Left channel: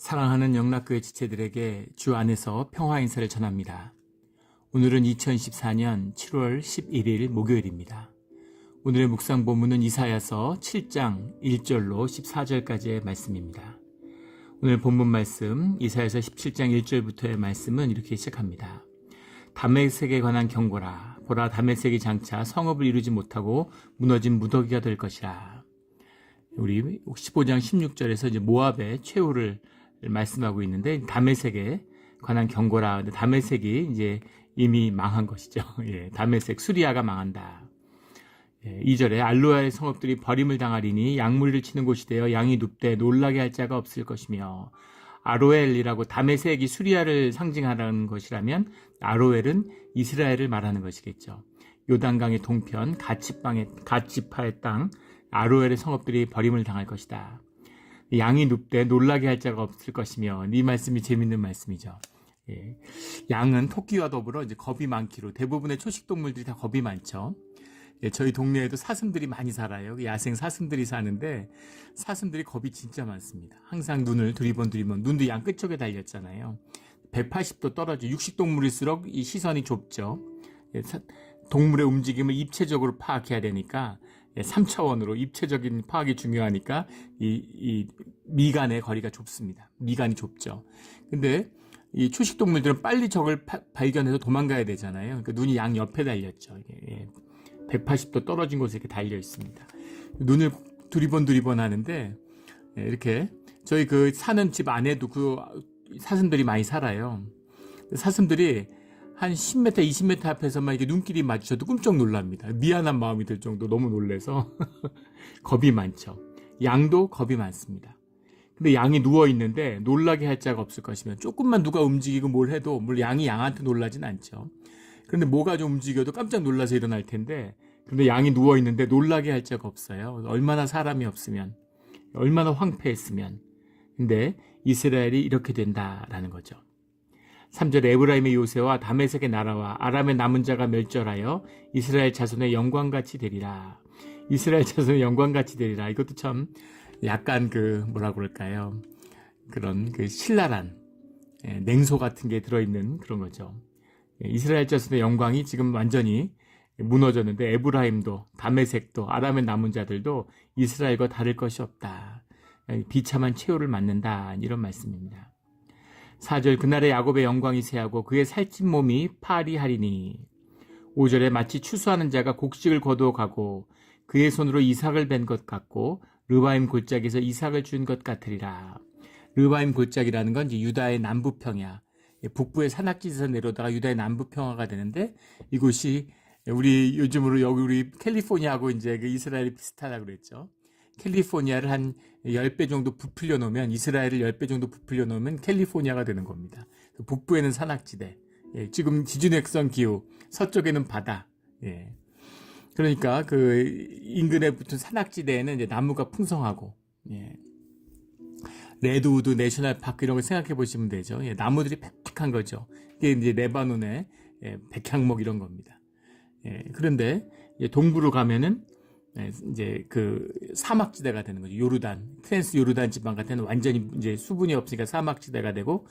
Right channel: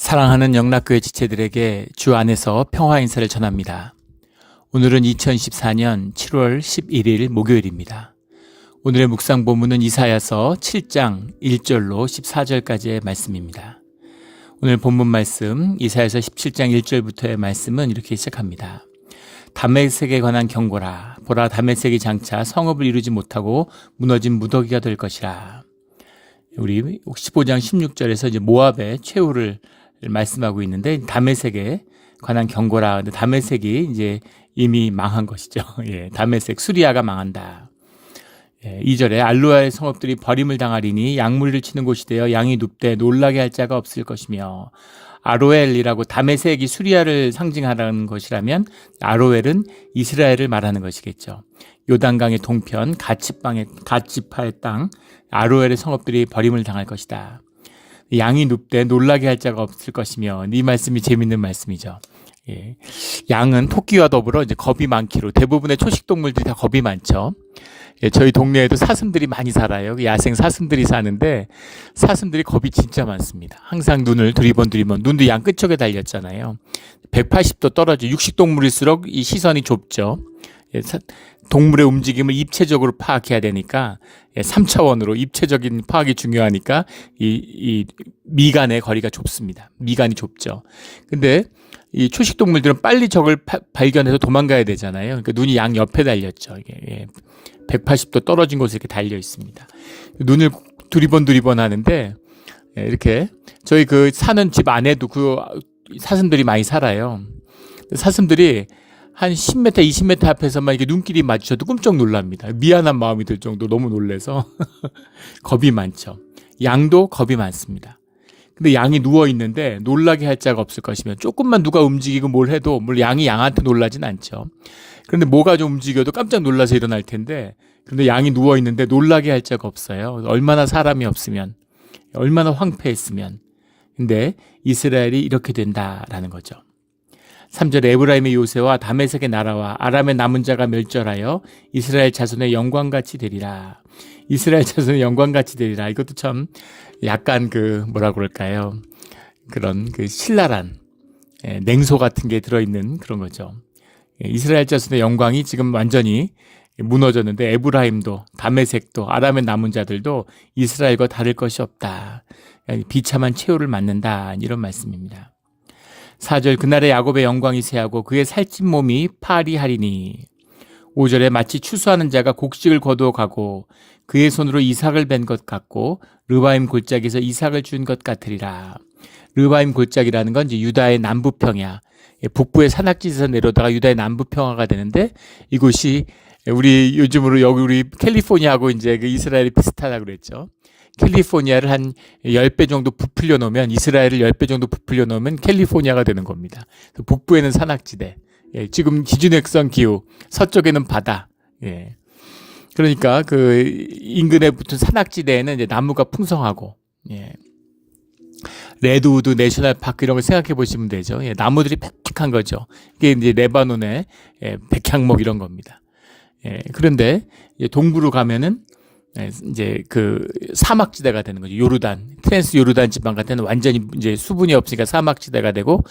사랑하는 영락교회 지체들에게 주 안에서 평화 인사를 전합니다. 오늘은 2014년 7월 11일 목요일입니다. 오늘의 묵상 본문은 이사야서 7장 1절로 14절까지의 말씀입니다. 오늘 본문 말씀 이사야서 17장 1절부터의 말씀은 이렇게 시작합니다. 다메섹에 관한 경고라. 보라, 다메섹이 장차 성읍을 이루지 못하고 무너진 무더기가 될 것이라. 우리 15장 16절에서 이제 모압의 최후를 말씀하고 있는데, 다메섹에 관한 경고라. 근데 다메섹이 이제 이미 망한 것이죠. 예, 다메섹 수리아가 망한다. 예, 2절에 알로아의 성읍들이 버림을 당하리니 양무리를 치는 곳이 되어 양이 눕되 놀라게 할 자가 없을 것이며, 아로엘이라고 다메섹이 수리아를 상징하는 것이라면 아로엘은 이스라엘을 말하는 것이겠죠. 요단강의 동편 갓지파의 땅 아로엘의 성읍들이 버림을 당할 것이다. 양이 눕되 놀라게 할 자가 없을 것이며, 이 말씀이 재밌는 말씀이죠. 예. 양은 토끼와 더불어 이제 겁이 많기로, 대부분의 초식 동물들이 다 겁이 많죠. 예, 저희 동네에도 사슴들이 많이 살아요. 야생 사슴들이 사는데 사슴들이 겁이 진짜 많습니다. 항상 눈을 두리번 눈도 양 끝쪽에 달렸잖아요. 180도 떨어져 육식 동물일수록 이 시선이 좁죠. 예, 동물의 움직임을 입체적으로 파악해야 되니까 3차원으로 입체적인 파악이 중요하니까 이 미간의 거리가 좁습니다. 미간이 좁죠. 근데 이 초식 동물들은 빨리 적을 발견해서 도망가야 되잖아요. 그러니까 눈이 양 옆에 달렸죠. 이게 180도 떨어진 곳에 이렇게 달려 있습니다. 눈을 두리번 하는데, 이렇게 저희 그 사는 집 안에도 그 사슴들이 많이 살아요. 사슴들이 한 10m, 20m 앞에서만 이렇게 눈길이 마주쳐도 끔찍 놀랍니다. 미안한 마음이 들 정도 너무 놀래서 겁이 많죠. 양도 겁이 많습니다. 근데 양이 누워 있는데 놀라게 할 자가 없을 것이면, 조금만 누가 움직이고 뭘 해도 물론 양이 양한테 놀라진 않죠. 그런데 뭐가 좀 움직여도 깜짝 놀라서 일어날 텐데, 그런데 양이 누워 있는데 놀라게 할 자가 없어요. 얼마나 사람이 없으면, 얼마나 황폐했으면. 근데 이스라엘이 이렇게 된다라는 거죠. 3절 에브라임의 요새와 다메섹의 나라와 아람의 남은 자가 멸절하여 이스라엘 자손의 영광같이 되리라. 이스라엘 자손의 영광같이 되리라. 이것도 참 약간 뭐라 그럴까요? 그런 신랄한 냉소 같은 게 들어있는 그런 거죠. 이스라엘 자손의 영광이 지금 완전히 무너졌는데, 에브라임도 다메섹도 아람의 남은 자들도 이스라엘과 다를 것이 없다. 비참한 최후를 맞는다. 이런 말씀입니다. 4절 그날에 야곱의 영광이 쇠하고 그의 살찐 몸이 파리하리니. 5절에 마치 추수하는 자가 곡식을 거두어 가고 그의 손으로 이삭을 벤 것 같고 르바임 골짜기에서 이삭을 준 것 같으리라. 르바임 골짜기라는 건 이제 유다의 남부평야, 북부의 산악지에서 내려다가 유다의 남부평야가 되는데, 이곳이 우리 요즘으로 여기 우리 캘리포니아하고 이제 그 이스라엘이 비슷하다고 그랬죠. 캘리포니아를 한 10배 정도 부풀려 놓으면, 이스라엘을 10배 정도 부풀려 놓으면 캘리포니아가 되는 겁니다. 북부에는 산악지대, 지금 기준액선 기후, 서쪽에는 바다. 그러니까 그 인근에 붙은 산악지대에는 이제 나무가 풍성하고, 레드우드 내셔널 파크 이런 걸 생각해 보시면 되죠. 나무들이 빽빽한 거죠. 이게 이제 레바논의 백향목 이런 겁니다. 그런데 동부로 가면은 이제 그 사막지대가 되는 거죠. 요르단, 트랜스 요르단 지방 같은 데는 완전히 이제 수분이 없으니까 사막지대가 되고,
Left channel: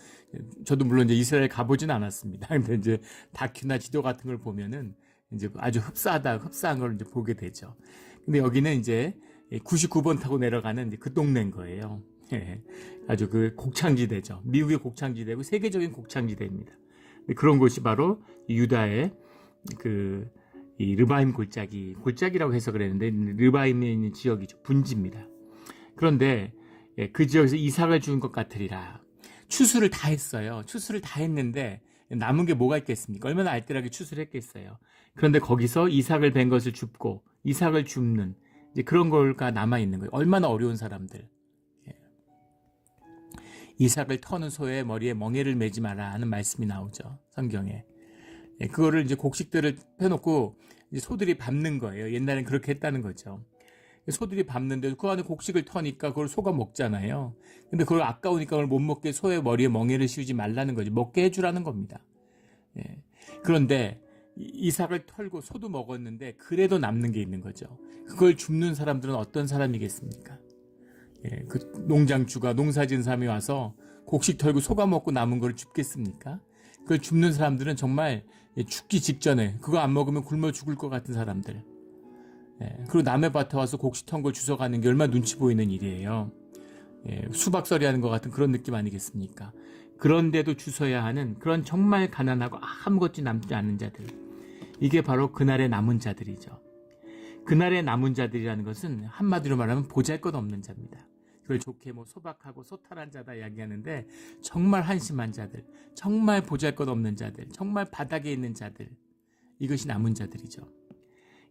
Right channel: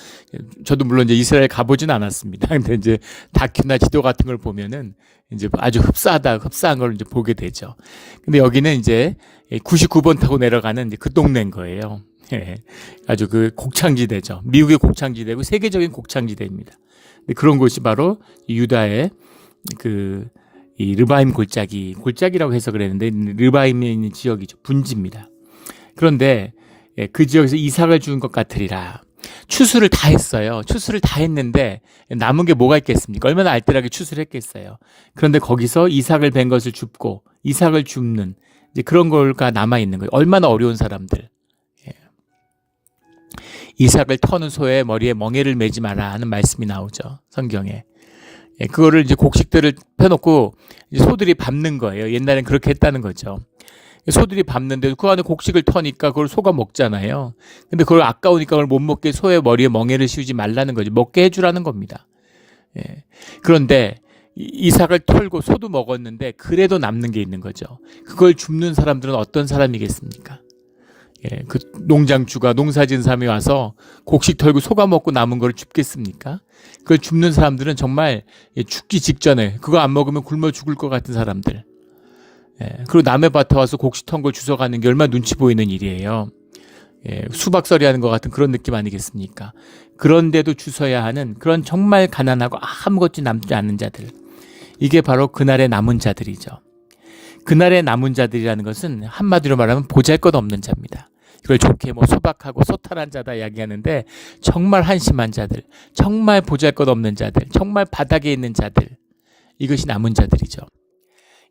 저도 물론 이제 이스라엘 가보진 않았습니다. 근데 이제 다큐나 지도 같은 걸 보면은 이제 아주 흡사한 걸 이제 보게 되죠. 근데 여기는 이제 99번 타고 내려가는 이제 그 동네인 거예요. 아주 그 곡창지대죠. 미국의 곡창지대고 세계적인 곡창지대입니다. 그런 곳이 바로 유다의 이 르바임 골짜기라고 해서 그랬는데, 르바임에 있는 지역이죠. 분지입니다. 그런데 그 지역에서 이삭을 준 것 같으리라. 추수를 다 했어요. 추수를 다 했는데 남은 게 뭐가 있겠습니까? 얼마나 알뜰하게 추수를 했겠어요. 그런데 거기서 이삭을 벤 것을 줍고 이삭을 줍는 이제 그런 거가 남아 있는 거예요. 얼마나 어려운 사람들. 이삭을 터는 소의 머리에 멍에를 매지 마라 하는 말씀이 나오죠, 성경에. 그거를 이제 곡식들을 펴놓고 이제 소들이 밟는 거예요. 옛날엔 그렇게 했다는 거죠. 소들이 밟는데 그 안에 곡식을 터니까 그걸 소가 먹잖아요. 근데 그걸 아까우니까 그걸 못 먹게 소의 머리에 멍에를 씌우지 말라는 거죠. 먹게 해주라는 겁니다. 그런데 이삭을 털고 소도 먹었는데 그래도 남는 게 있는 거죠. 그걸 줍는 사람들은 어떤 사람이겠습니까? 그 농장주가 농사진 사람이 와서 곡식 털고 속아 먹고 남은 걸 줍겠습니까? 그걸 줍는 사람들은 정말 죽기 직전에 그거 안 먹으면 굶어 죽을 것 같은 사람들. 그리고 남의 밭에 와서 곡식 턴 걸 주워가는 게 얼마나 눈치 보이는 일이에요. 수박서리 하는 것 같은 그런 느낌 아니겠습니까? 그런데도 주워야 하는 그런 정말 가난하고 아무것도 남지 않는 자들. 이게 바로 그날의 남은 자들이죠. 그날의 남은 자들이라는 것은 한마디로 말하면 보잘것없는 자입니다. 이걸 좋게 소박하고 소탈한 자다 이야기하는데 정말 한심한 자들, 정말 보잘것없는 자들, 정말 바닥에 있는 자들, 이것이 남은 자들이죠.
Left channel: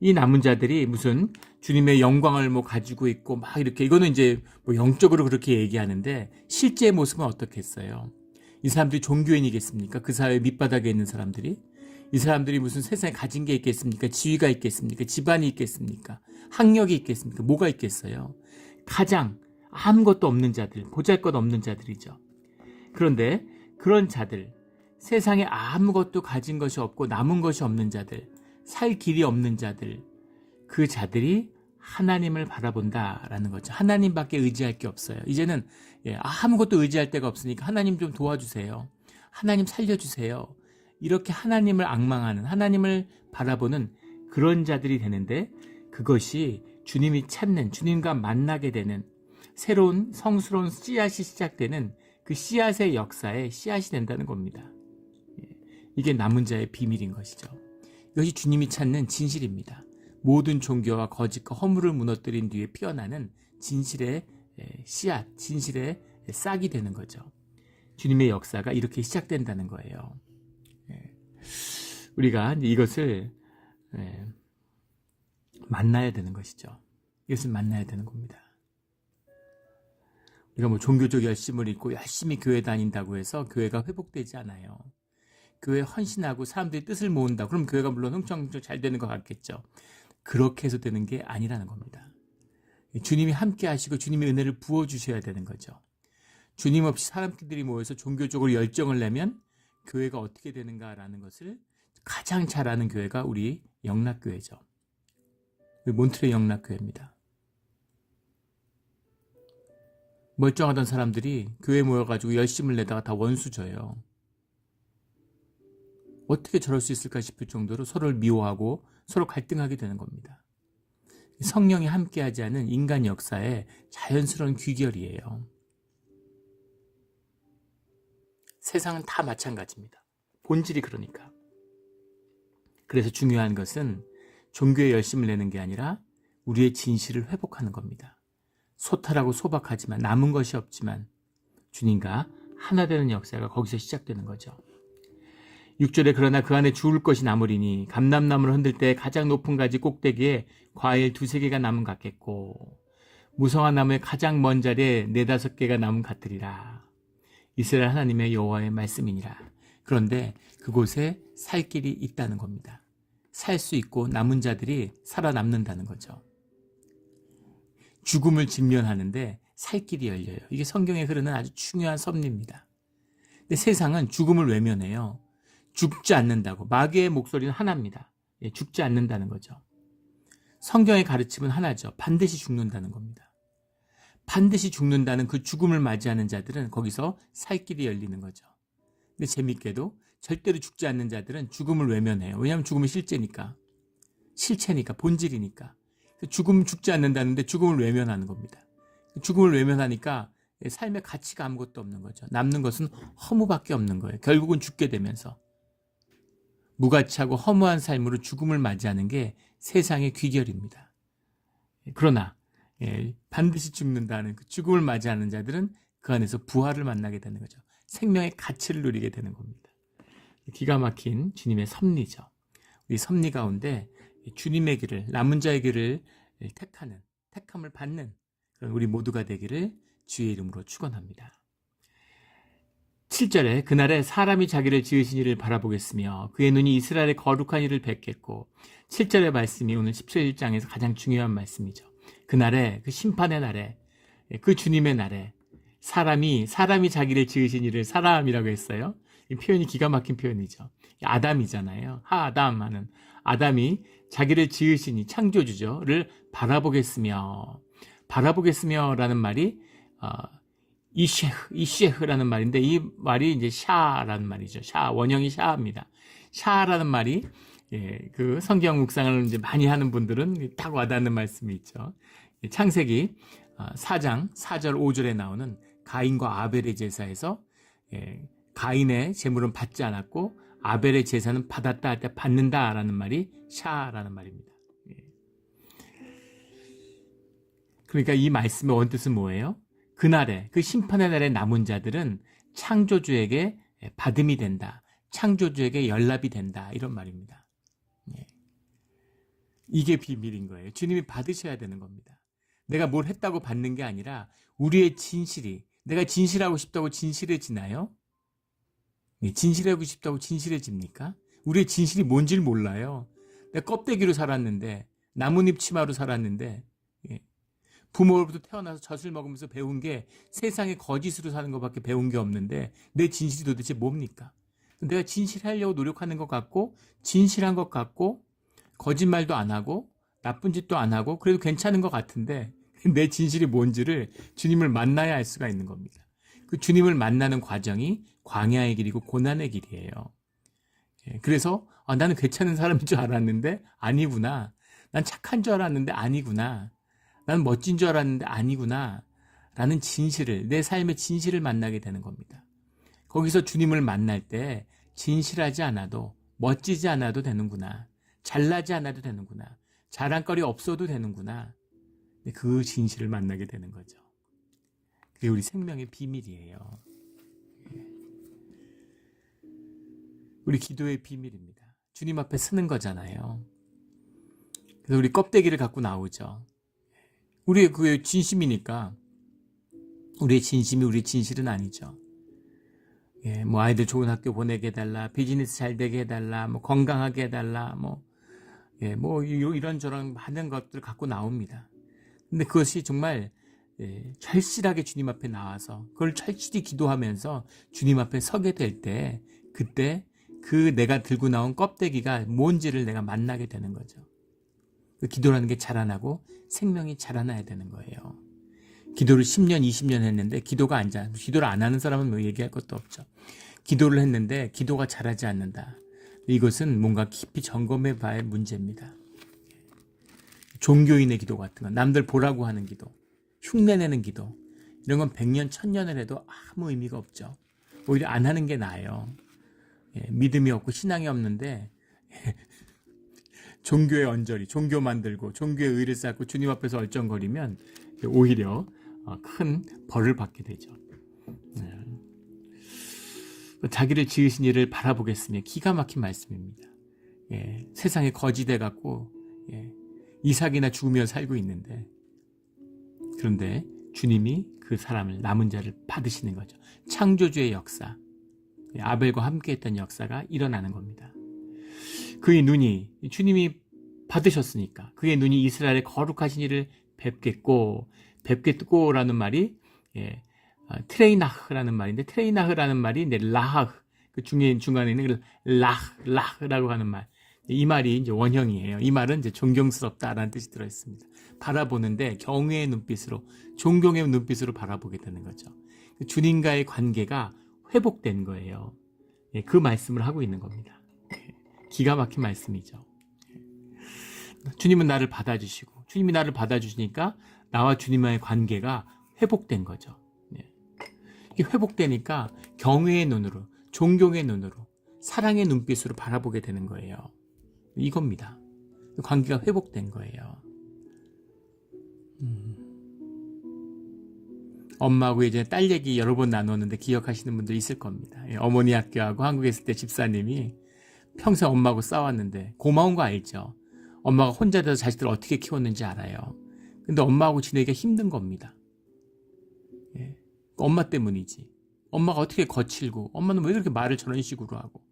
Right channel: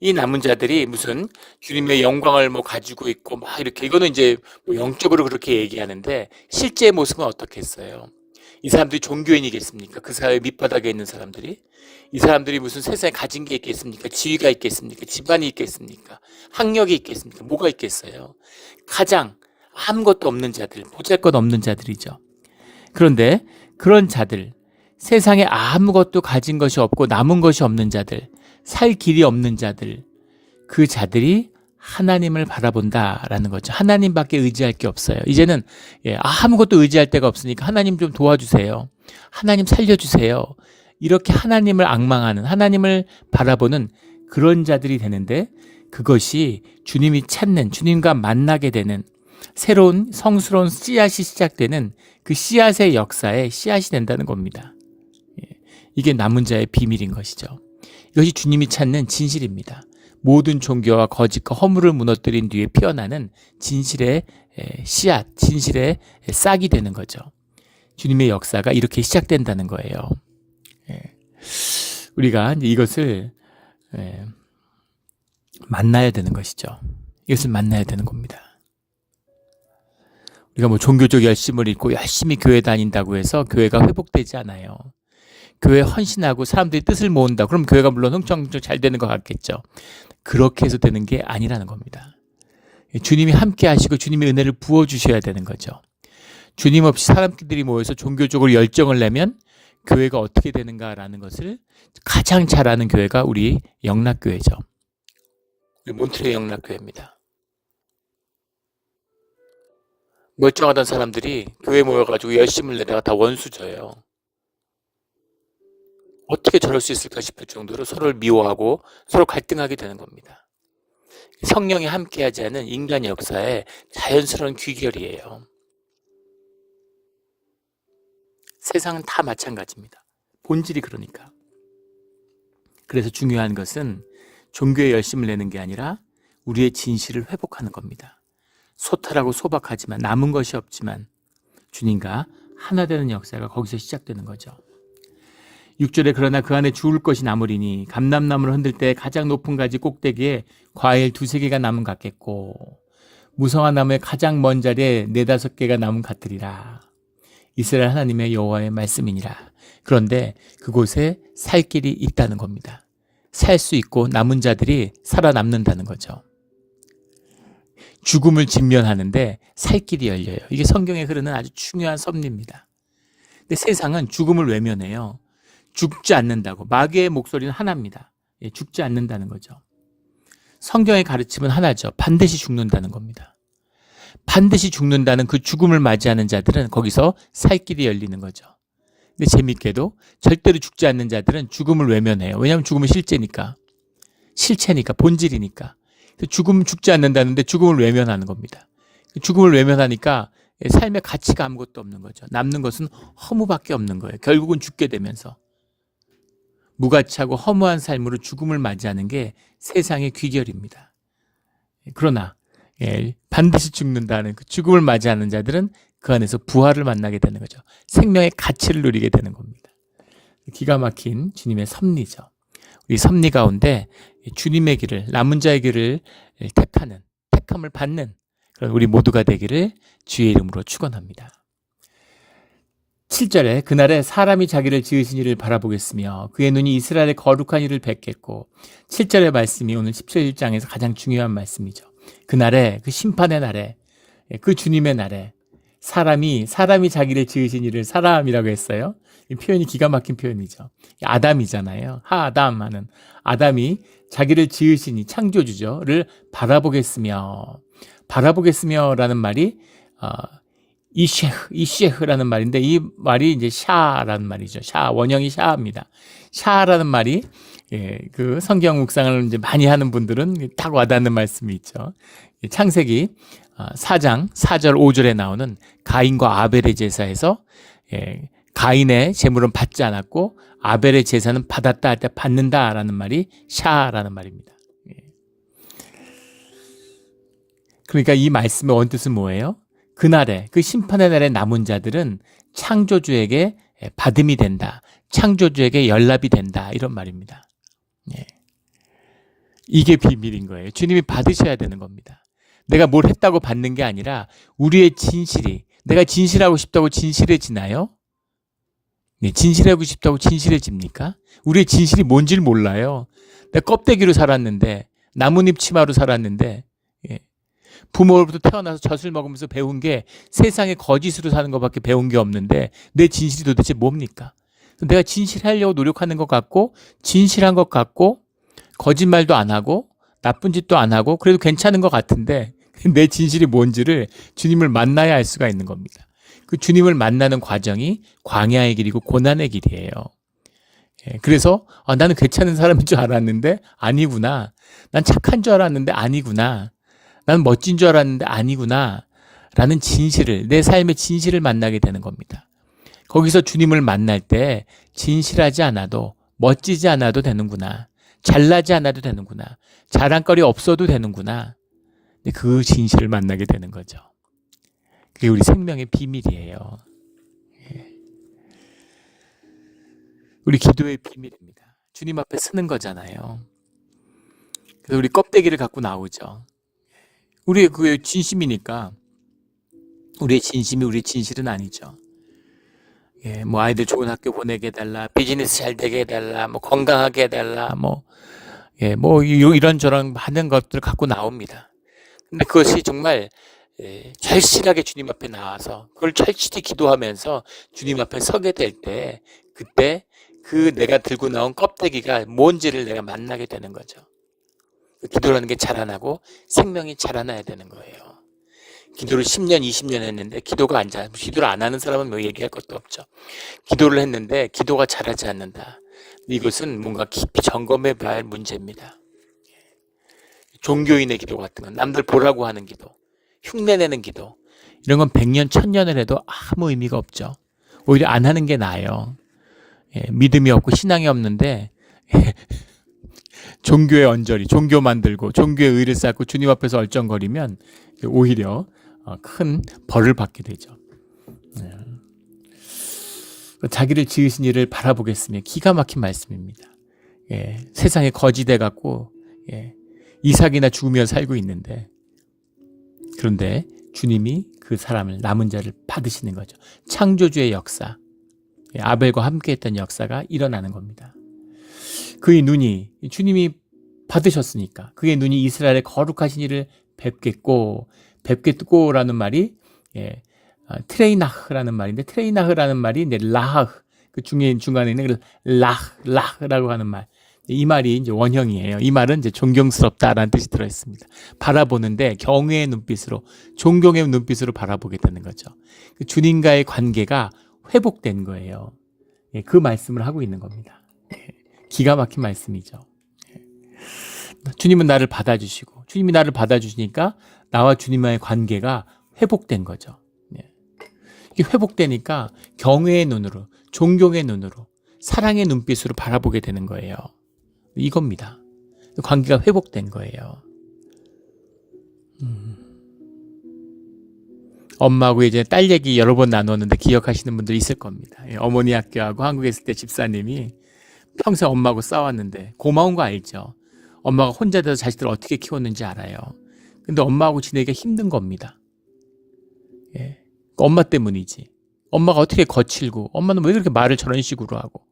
이 남은 자들이 무슨 주님의 영광을 가지고 있고 이렇게 이거는 이제 영적으로 그렇게 얘기하는데 실제 모습은 어떻겠어요? 이 사람들이 종교인이겠습니까? 그 사회 밑바닥에 있는 사람들이 이 사람들이 무슨 세상에 가진 게 있겠습니까? 지위가 있겠습니까? 집안이 있겠습니까? 학력이 있겠습니까? 뭐가 있겠어요? 가장 아무것도 없는 자들, 보잘것없는 자들이죠. 그런데 그런 자들, 세상에 아무것도 가진 것이 없고 남은 것이 없는 자들, 살 길이 없는 자들, 그 자들이 하나님을 바라본다라는 거죠. 하나님밖에 의지할 게 없어요. 이제는 아무것도 의지할 데가 없으니까 하나님 좀 도와주세요. 하나님 살려주세요. 이렇게 하나님을 앙망하는, 하나님을 바라보는 그런 자들이 되는데 그것이 주님이 찾는, 주님과 만나게 되는 새로운 성스러운 씨앗이 시작되는 그 씨앗의 역사에 씨앗이 된다는 겁니다. 이게 남은 자의 비밀인 것이죠. 이것이 주님이 찾는 진실입니다. 모든 종교와 거짓과 허물을 무너뜨린 뒤에 피어나는 진실의 씨앗, 진실의 싹이 되는 거죠. 주님의 역사가 이렇게 시작된다는 거예요. 우리가 이것을 만나야 되는 것이죠. 이것을 만나야 되는 겁니다. 우리가 종교적 열심을 잃고 열심히 교회 다닌다고 해서 교회가 회복되지 않아요. 교회 헌신하고 사람들이 뜻을 모은다. 그럼 교회가 물론 흥청흥청 잘 되는 것 같겠죠. 그렇게 해서 되는 게 아니라는 겁니다. 주님이 함께 하시고 주님의 은혜를 부어주셔야 되는 거죠. 주님 없이 사람들이 모여서 종교적으로 열정을 내면 교회가 어떻게 되는가라는 것을 가장 잘 아는 교회가 우리 영락교회죠. 우리 몬트레 영락교회입니다. 멀쩡하던 사람들이 교회 모여가지고 열심을 내다가 다 원수져요. 어떻게 저럴 수 있을까 싶을 정도로 서로를 미워하고 서로 갈등하게 되는 겁니다. 성령이 함께하지 않은 인간의 역사의 자연스러운 귀결이에요. 세상은 다 마찬가지입니다. 본질이 그러니까. 그래서 중요한 것은 종교에 열심을 내는 게 아니라 우리의 진실을 회복하는 겁니다. 소탈하고 소박하지만 남은 것이 없지만 주님과 하나 되는 역사가 거기서 시작되는 거죠. 6절에 그러나 그 안에 주울 것이 남으리니 감람나무를 흔들 때 가장 높은 가지 꼭대기에 과일 2-3개가 남은 같겠고 무성한 나무의 가장 먼 자리에 4-5개가 남은 같으리라. 이스라엘 하나님의 여호와의 말씀이니라. 그런데 그곳에 살 길이 있다는 겁니다. 살 수 있고 남은 자들이 살아남는다는 거죠. 죽음을 직면하는데 살 길이 열려요. 이게 성경에 흐르는 아주 중요한 섭리입니다. 근데 세상은 죽음을 외면해요. 죽지 않는다고. 마귀의 목소리는 하나입니다. 죽지 않는다는 거죠. 성경의 가르침은 하나죠. 반드시 죽는다는 겁니다. 반드시 죽는다는 그 죽음을 맞이하는 자들은 거기서 살 길이 열리는 거죠. 근데 재밌게도 절대로 죽지 않는 자들은 죽음을 외면해요. 왜냐하면 죽음은 실제니까. 실체니까, 본질이니까. 죽음 죽지 않는다는데 죽음을 외면하는 겁니다. 죽음을 외면하니까 삶의 가치가 아무것도 없는 거죠. 남는 것은 허무밖에 없는 거예요. 결국은 죽게 되면서. 무가치하고 허무한 삶으로 죽음을 맞이하는 게 세상의 귀결입니다. 그러나 반드시 죽는다는 그 죽음을 맞이하는 자들은 그 안에서 부활을 만나게 되는 거죠. 생명의 가치를 누리게 되는 겁니다. 기가 막힌 주님의 섭리죠. 우리 섭리 가운데 주님의 길을, 남은 자의 길을 택하는, 택함을 받는 그런 우리 모두가 되기를 주의 이름으로 축원합니다. 7절에 그날에 사람이 자기를 지으신 이를 바라보겠으며 그의 눈이 이스라엘의 거룩한 이를 뵙겠고 7절의 말씀이 오늘 17장에서 가장 중요한 말씀이죠. 그날에 그 심판의 날에 그 주님의 날에 사람이 자기를 지으신 이를 사람이라고 했어요. 이 표현이 기가 막힌 표현이죠. 아담이잖아요. 하아담 하는 아담이 자기를 지으신 이 창조주죠를 바라보겠으며 바라보겠으며라는 말이 이쉐흐라는 말인데 이 말이 이제 샤라는 말이죠. 샤, 원형이 샤입니다. 샤라는 말이 그 성경 묵상을 이제 많이 하는 분들은 딱 와닿는 말씀이 있죠. 창세기 4장 4절 5절에 나오는 가인과 아벨의 제사에서 가인의 제물은 받지 않았고 아벨의 제사는 받았다 할 때 받는다라는 말이 샤라는 말입니다. 그러니까 이 말씀의 원뜻은 뭐예요? 그날에 그 심판의 날에 남은 자들은 창조주에게 받음이 된다. 창조주에게 연락이 된다. 이런 말입니다. 이게 비밀인 거예요. 주님이 받으셔야 되는 겁니다. 내가 뭘 했다고 받는 게 아니라 우리의 진실이, 내가 진실하고 싶다고 진실해지나요? 네, 진실하고 싶다고 진실해집니까? 우리의 진실이 뭔지를 몰라요. 내가 껍데기로 살았는데, 나뭇잎 치마로 살았는데, 부모로부터 태어나서 젖을 먹으면서 배운 게 세상에 거짓으로 사는 것밖에 배운 게 없는데 내 진실이 도대체 뭡니까? 내가 진실하려고 노력하는 것 같고 진실한 것 같고 거짓말도 안 하고 나쁜 짓도 안 하고 그래도 괜찮은 것 같은데 내 진실이 뭔지를 주님을 만나야 알 수가 있는 겁니다. 그 주님을 만나는 과정이 광야의 길이고 고난의 길이에요. 그래서 나는 괜찮은 사람인 줄 알았는데 아니구나. 난 착한 줄 알았는데 아니구나. 나는 멋진 줄 알았는데 아니구나 라는 진실을, 내 삶의 진실을 만나게 되는 겁니다. 거기서 주님을 만날 때 진실하지 않아도 멋지지 않아도 되는구나. 잘나지 않아도 되는구나. 자랑거리 없어도 되는구나. 그 진실을 만나게 되는 거죠. 그게 우리 생명의 비밀이에요. 우리 기도의 비밀입니다. 주님 앞에 서는 거잖아요. 그래서 우리 껍데기를 갖고 나오죠. 우리의 그 진심이니까 우리의 진심이 우리의 진실은 아니죠. 뭐 아이들 좋은 학교 보내게 해달라, 비즈니스 잘 되게 해달라, 뭐 건강하게 해달라, 뭐 이런저런 많은 것들을 갖고 나옵니다. 근데 그것이 정말 절실하게 주님 앞에 나와서 그걸 절실히 기도하면서 주님 앞에 서게 될 때 그때 그 내가 들고 나온 껍데기가 뭔지를 내가 만나게 되는 거죠. 기도라는 게 자라나고 생명이 자라나야 되는 거예요. 기도를 10년, 20년 했는데 기도를 안 하는 사람은 뭐 얘기할 것도 없죠. 기도를 했는데 기도가 자라지 않는다. 이것은 뭔가 깊이 점검해 봐야 할 문제입니다. 종교인의 기도 같은 건, 남들 보라고 하는 기도, 흉내내는 기도, 이런 건 100년, 1000년을 해도 아무 의미가 없죠. 오히려 안 하는 게 나아요. 믿음이 없고 신앙이 없는데 종교의 언저리, 종교 만들고 종교의 의를 쌓고 주님 앞에서 얼쩡거리면 오히려 큰 벌을 받게 되죠. 자기를 지으신 이를 바라보겠으며 기가 막힌 말씀입니다. 세상에 거지돼 갖고 이삭이나 죽으며 살고 있는데 그런데 주님이 그 사람을 남은 자를 받으시는 거죠. 창조주의 역사, 아벨과 함께했던 역사가 일어나는 겁니다. 그의 눈이 주님이 받으셨으니까 그의 눈이 이스라엘의 거룩하신 이를 뵙겠고라는 말이 트레이나흐라는 말인데 트레이나흐라는 말이 라흐 그 중간에 있는 라흐라고 하는 말, 이 말이 이제 원형이에요. 이 말은 이제 존경스럽다라는 뜻이 들어 있습니다. 바라보는데 경외의 눈빛으로, 존경의 눈빛으로 바라보게 되는 거죠. 주님과의 관계가 회복된 거예요. 그 말씀을 하고 있는 겁니다. 기가 막힌 말씀이죠. 주님은 나를 받아주시고 주님이 나를 받아주시니까 나와 주님과의 관계가 회복된 거죠. 이게 회복되니까 경외의 눈으로, 존경의 눈으로, 사랑의 눈빛으로 바라보게 되는 거예요. 이겁니다. 관계가 회복된 거예요. 엄마하고 이제 딸 얘기 여러 번 나눴는데 기억하시는 분들 있을 겁니다. 어머니 학교하고 한국에 있을 때 집사님이 평생 엄마하고 싸웠는데 고마운 거 알죠? 엄마가 혼자 돼서 자식들을 어떻게 키웠는지 알아요. 근데 엄마하고 지내기가 힘든 겁니다. 엄마 때문이지. 엄마가 어떻게 거칠고 엄마는 왜 그렇게 말을 저런 식으로 하고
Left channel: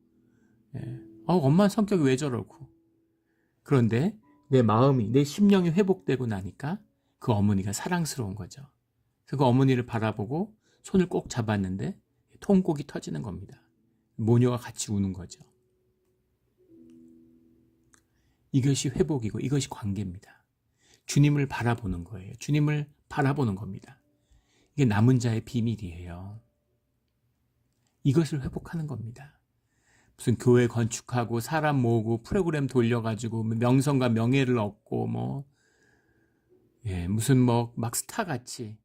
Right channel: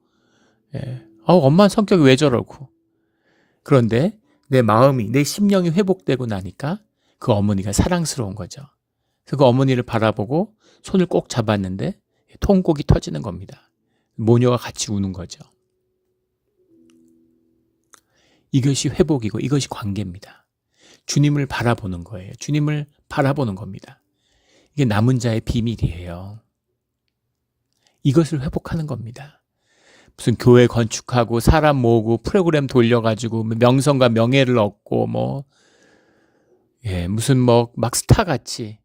엄마는 성격이 왜 저러고. 그런데 내 마음이, 내 심령이 회복되고 나니까 그 어머니가 사랑스러운 거죠. 그래서 그 어머니를 바라보고 손을 꼭 잡았는데 통곡이 터지는 겁니다. 모녀가 같이 우는 거죠. 이것이 회복이고 이것이 관계입니다. 주님을 바라보는 거예요. 주님을 바라보는 겁니다. 이게 남은 자의 비밀이에요. 이것을 회복하는 겁니다. 무슨 교회 건축하고 사람 모으고 프로그램 돌려가지고 명성과 명예를 얻고 무슨 막 스타같이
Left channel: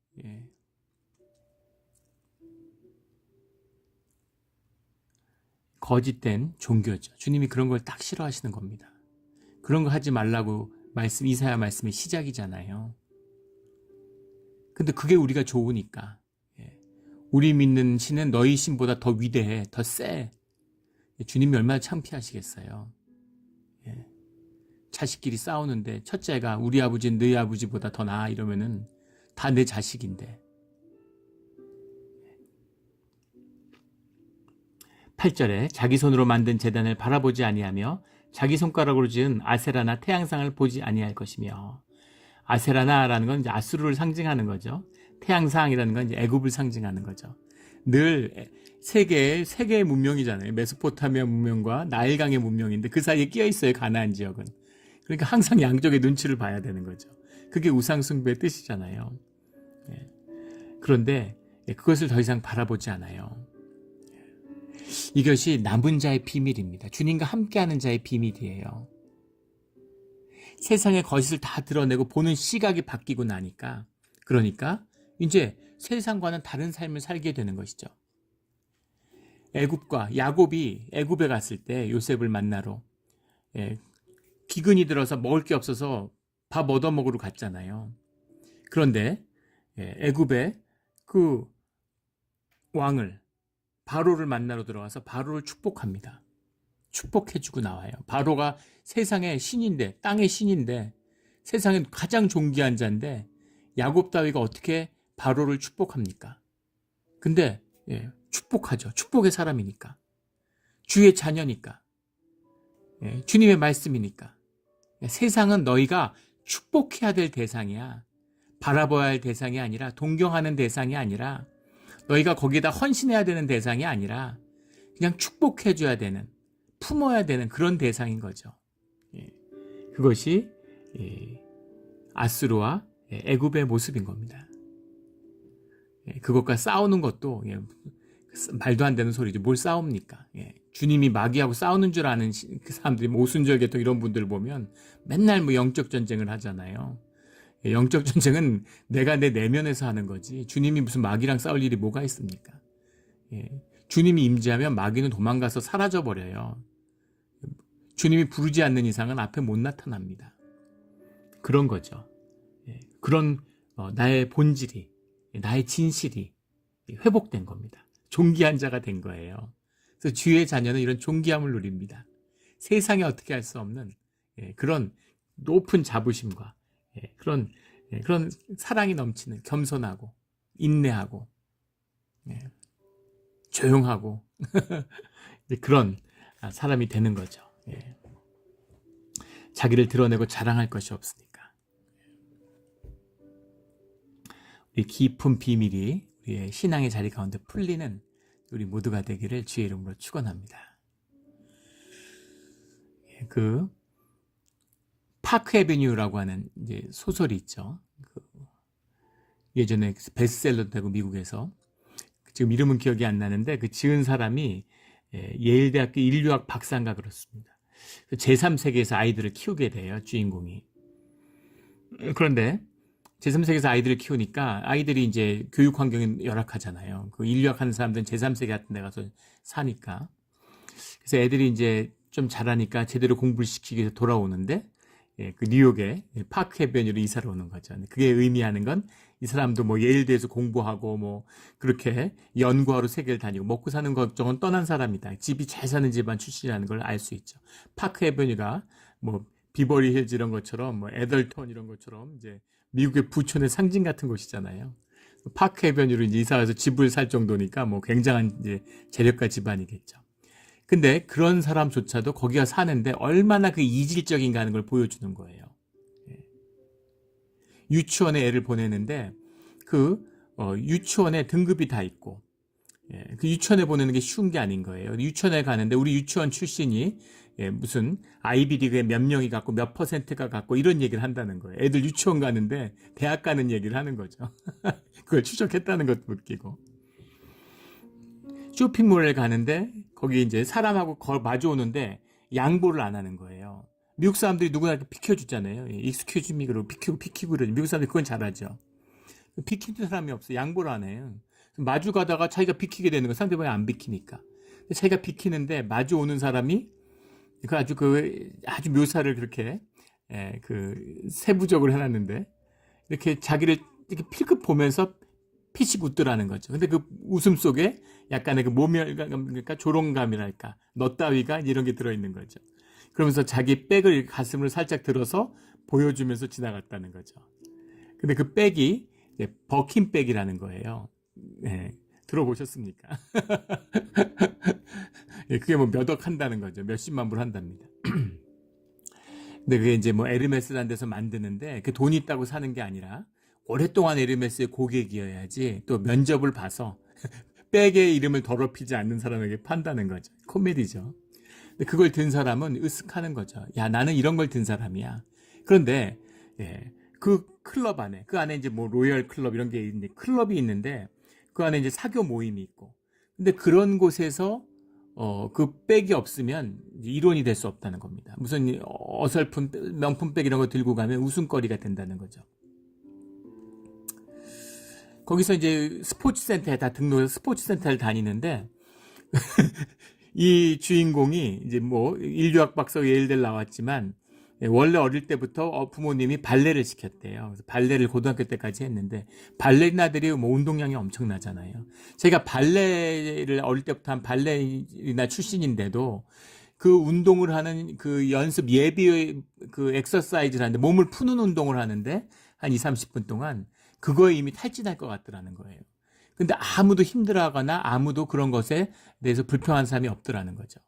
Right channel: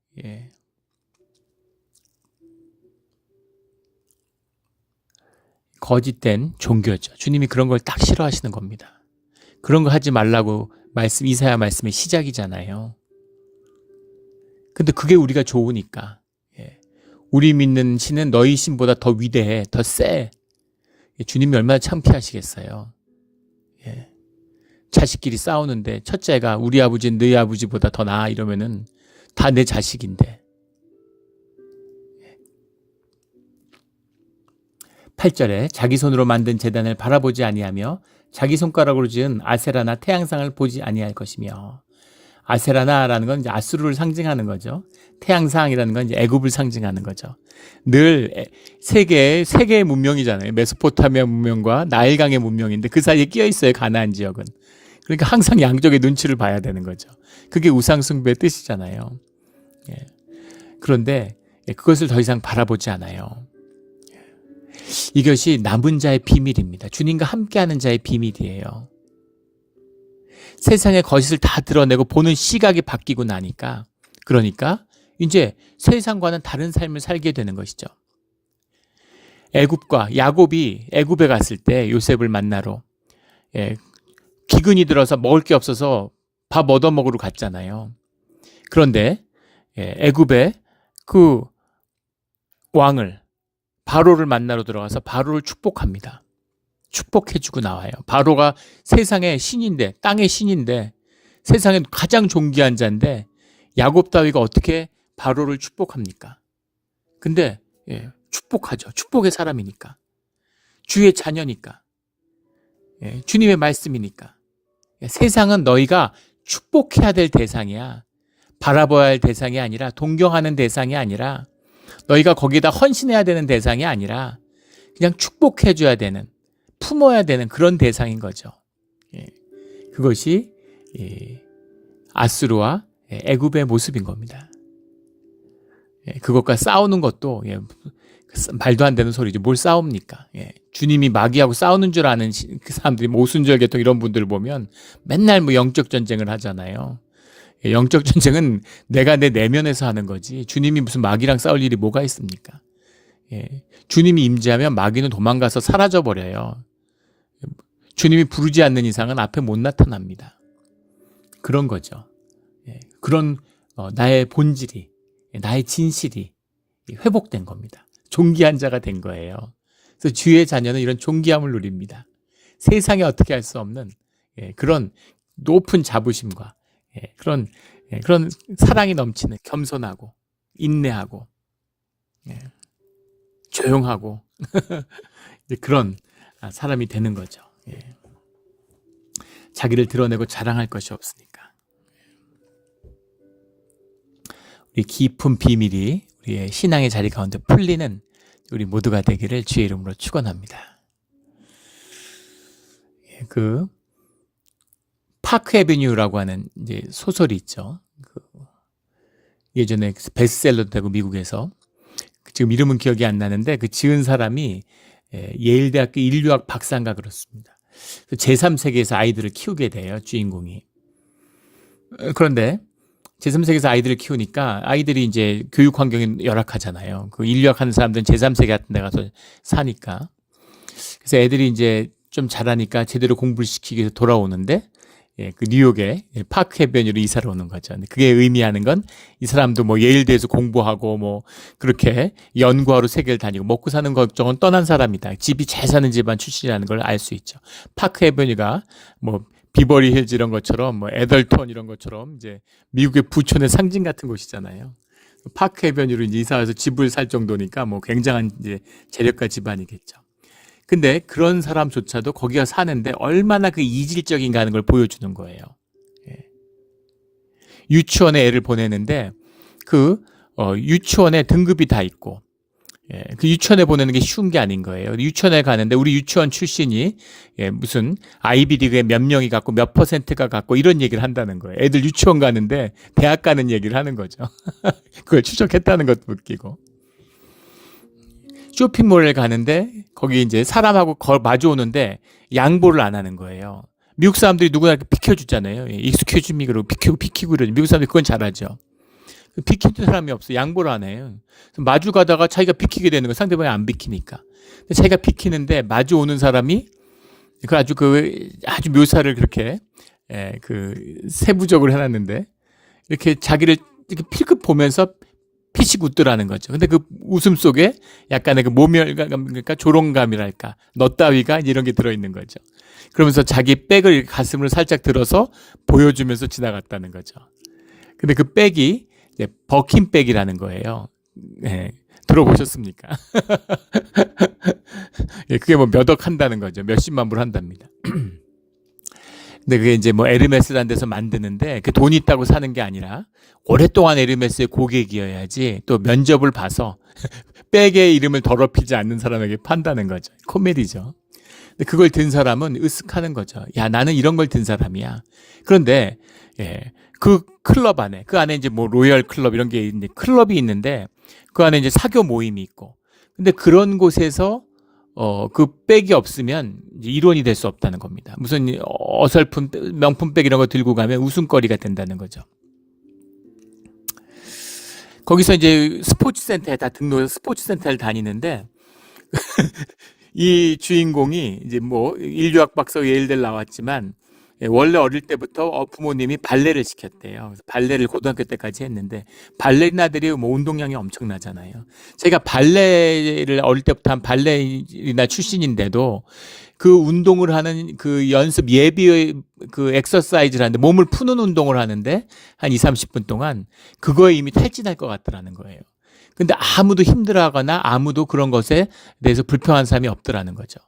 거짓된 종교죠. 주님이 그런 걸 딱 싫어하시는 겁니다. 그런 거 하지 말라고 이사야 말씀의 시작이잖아요. 근데 그게 우리가 좋으니까. 우리 믿는 신은 너희 신보다 더 위대해, 더 세. 주님이 얼마나 창피하시겠어요. 자식끼리 싸우는데 첫째가 우리 아버지는 너희 아버지보다 더 나아 이러면은 다 내 자식인데. 8절에 자기 손으로 만든 제단을 바라보지 아니하며 자기 손가락으로 지은 아세라나 태양상을 보지 아니할 것이며. 아세라나라는 건 이제 아수르를 상징하는 거죠. 태양상이라는 건 이제 애굽을 상징하는 거죠. 늘 세 개의 문명이잖아요. 메소포타미아 문명과 나일강의 문명인데 그 사이에 끼어 있어요. 가나안 지역은. 그러니까 항상 양쪽의 눈치를 봐야 되는 거죠. 그게 우상 숭배의 뜻이잖아요. 그런데 그것을 더 이상 바라보지 않아요. 이것이 남은 자의 비밀입니다. 주님과 함께하는 자의 비밀이에요. 세상의 거짓을 다 드러내고 보는 시각이 바뀌고 나니까 그러니까 이제 세상과는 다른 삶을 살게 되는 것이죠. 애굽과 야곱이 애굽에 갔을 때 요셉을 만나러 기근이 들어서 먹을 게 없어서 밥 얻어먹으러 갔잖아요. 그런데 애굽의 그 왕을 바로를 만나러 들어가서 바로를 축복합니다. 축복해주고 나와요. 바로가 세상의 신인데 땅의 신인데 세상에 가장 존귀한 자인데 야곱 따위가 어떻게 바로를 축복합니까? 근데 축복하죠. 축복의 사람이니까. 주의 자녀니까. 주님의 말씀이니까. 세상은 너희가 축복해야 될 대상이야. 바라봐야 할 대상이 아니라 동경하는 대상이 아니라 너희가 거기다 헌신해야 되는 대상이 아니라 그냥 축복해줘야 되는 품어야 되는 그런 대상인 거죠. 그것이 아수르와 애굽의 모습인 겁니다. 그것과 싸우는 것도 말도 안 되는 소리죠. 뭘 싸웁니까? 주님이 마귀하고 싸우는 줄 아는 그 사람들이 오순절계통 이런 분들 보면 맨날 영적 전쟁을 하잖아요. 영적 전쟁은 내가 내 내면에서 하는 거지 주님이 무슨 마귀랑 싸울 일이 뭐가 있습니까? 주님이 임재하면 마귀는 도망가서 사라져버려요. 주님이 부르지 않는 이상은 앞에 못 나타납니다. 그런 거죠. 그런 나의 본질이 나의 진실이 회복된 겁니다. 존귀한 자가 된 거예요. 그래서 주의 자녀는 이런 존귀함을 누립니다. 세상에 어떻게 할 수 없는 그런 높은 자부심과 그런 사랑이 넘치는 겸손하고 인내하고 조용하고 그런 사람이 되는 거죠. 자기를 드러내고 자랑할 것이 없으니까. 우리 깊은 비밀이 우리의 신앙의 자리 가운데 풀리는 우리 모두가 되기를 주의 이름으로 축원합니다. 그 파크 애비뉴라고 하는 이제 소설이 있죠. 예전에 베스트셀러도 되고 미국에서 지금 이름은 기억이 안 나는데 그 지은 사람이 예일대학교 인류학 박사인가 그렇습니다. 제3세계에서 아이들을 키우게 돼요. 주인공이. 그런데 제3세계에서 아이들을 키우니까 아이들이 이제 교육 환경이 열악하잖아요. 그 인류학 하는 사람들은 제3세계 같은 데 가서 사니까. 그래서 애들이 이제 좀 잘하니까 제대로 공부를 시키기 위해서 돌아오는데 그 뉴욕에 파크 해변으로 이사를 오는 거죠. 그게 의미하는 건 이 사람도 예일대에서 공부하고 그렇게 연구하러 세계를 다니고 먹고 사는 걱정은 떠난 사람이다. 집이 잘 사는 집안 출신이라는 걸 알 수 있죠. 파크 해변이가 비버리 힐즈 이런 것처럼 에덜턴 이런 것처럼 이제 미국의 부촌의 상징 같은 곳이잖아요. 파크 해변으로 이제 이사 와서 집을 살 정도니까 굉장한 이제 재력가 집안이겠죠. 근데 그런 사람조차도 거기가 사는데 얼마나 그 이질적인가 하는 걸 보여주는 거예요. 유치원에 애를 보내는데 그 유치원에 등급이 다 있고 예, 그 유치원에 보내는 게 쉬운 게 아닌 거예요. 유치원에 가는데 우리 유치원 출신이 무슨 아이비리그에 몇 명이 갖고 몇 퍼센트가 갖고 이런 얘기를 한다는 거예요. 애들 유치원 가는데 대학 가는 얘기를 하는 거죠. 그걸 추적했다는 것도 웃기고. 쇼핑몰에 가는데 거기 이제 사람하고 마주 오는데 양보를 안 하는 거예요. 미국 사람들이 누구나 이렇게 비켜주잖아요. 익스큐즈 미 그러고 비키고 이러죠. 미국 사람들이 그건 잘하죠. 비키는 사람이 없어. 양보를 안 해요. 마주 가다가 자기가 비키게 되는 거 상대방이 안 비키니까. 자기가 비키는데 마주 오는 사람이 그 아주 묘사를 그렇게 세부적으로 해놨는데 이렇게 자기를 이렇게 필급 보면서 피식 웃더라는 거죠. 근데 그 웃음 속에 약간의 그 모멸감, 그러니까 조롱감이랄까, 너 따위가 이런 게 들어있는 거죠. 그러면서 자기 백을 가슴으로 살짝 들어서 보여주면서 지나갔다는 거죠. 근데 그 백이 이제 버킨 백이라는 거예요. 네, 들어보셨습니까? 예, 그게 뭐 몇 억 한다는 거죠. 몇십만 불 한답니다. 근데 그게 이제 뭐 에르메스라는 데서 만드는데 그 돈 있다고 사는 게 아니라 오랫동안 에르메스의 고객이어야지 또 면접을 봐서 백의 이름을 더럽히지 않는 사람에게 판다는 거죠. 코미디죠. 근데 그걸 든 사람은 으쓱하는 거죠. 야, 나는 이런 걸 든 사람이야. 그런데 그 클럽 안에, 그 안에 이제 뭐 로열 클럽 이런 게 있는데 클럽이 있는데 그 안에 이제 사교 모임이 있고. 근데 그런 곳에서 그 백이 없으면 일원이 될 수 없다는 겁니다. 무슨 어설픈 명품백 이런 거 들고 가면 웃음거리가 된다는 거죠. 거기서 이제 스포츠센터에 다 등록해서 스포츠센터를 다니는데 이 주인공이 이제 뭐 인류학 박사 예일대 나왔지만 원래 어릴 때부터 부모님이 발레를 시켰대요. 그래서 발레를 고등학교 때까지 했는데 발레리나들이 뭐 운동량이 엄청나잖아요. 제가 발레를 어릴 때부터 한 발레리나 출신인데도 그 운동을 하는 그 연습 예비 그 엑서사이즈를 하는데 몸을 푸는 운동을 하는데 한 20-30분 동안 그거에 이미 탈진할 것 같더라는 거예요. 근데 아무도 힘들어하거나 아무도 그런 것에 대해서 불평한 사람이 없더라는 거죠.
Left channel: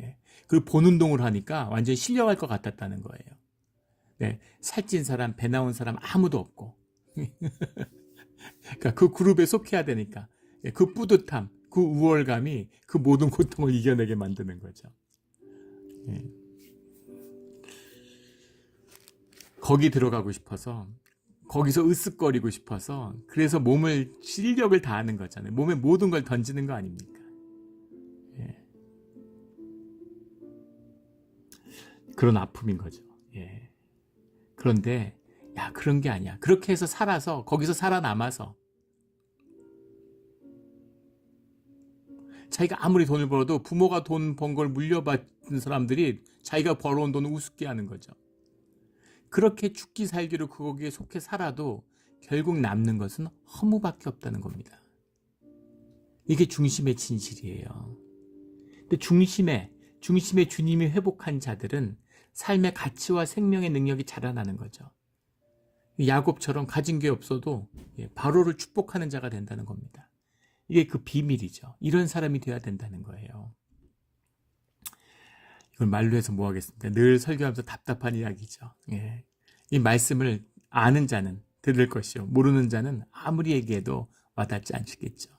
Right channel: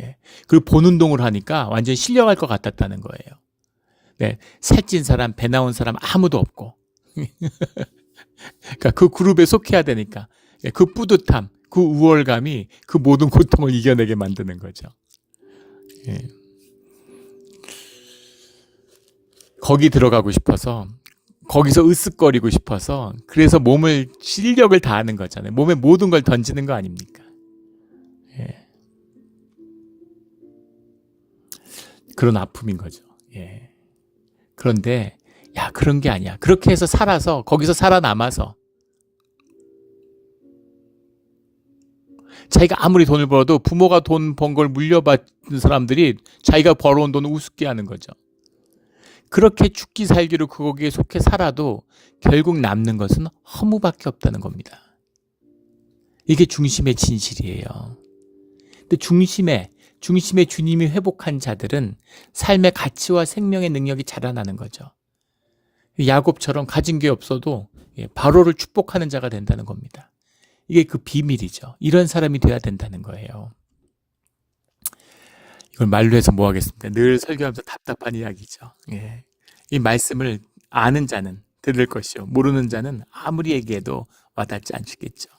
예. 그리고 본 운동을 하니까 완전히 실려갈 것 같았다는 거예요. 네. 살찐 사람, 배 나온 사람 아무도 없고. 그러니까 그 그룹에 속해야 되니까 그 뿌듯함, 그 우월감이 그 모든 고통을 이겨내게 만드는 거죠. 예. 거기 들어가고 싶어서 거기서 으쓱거리고 싶어서 그래서 몸을 실력을 다하는 거잖아요. 몸에 모든 걸 던지는 거 아닙니까? 예. 그런 아픔인 거죠. 예. 그런데 야 그런 게 아니야. 그렇게 해서 살아서 거기서 살아남아서 자기가 아무리 돈을 벌어도 부모가 돈 번 걸 물려받은 사람들이 자기가 벌어온 돈을 우습게 하는 거죠. 그렇게 죽기 살기로 거기에 속해 살아도 결국 남는 것은 허무밖에 없다는 겁니다. 이게 중심의 진실이에요. 근데 중심에 주님이 회복한 자들은 삶의 가치와 생명의 능력이 자라나는 거죠. 야곱처럼 가진 게 없어도 바로를 축복하는 자가 된다는 겁니다. 이게 그 비밀이죠. 이런 사람이 돼야 된다는 거예요. 이걸 말로 해서 뭐 하겠습니까? 늘 설교하면서 답답한 이야기죠. 예. 이 말씀을 아는 자는 들을 것이요. 모르는 자는 아무리 얘기해도 와닿지 않겠죠.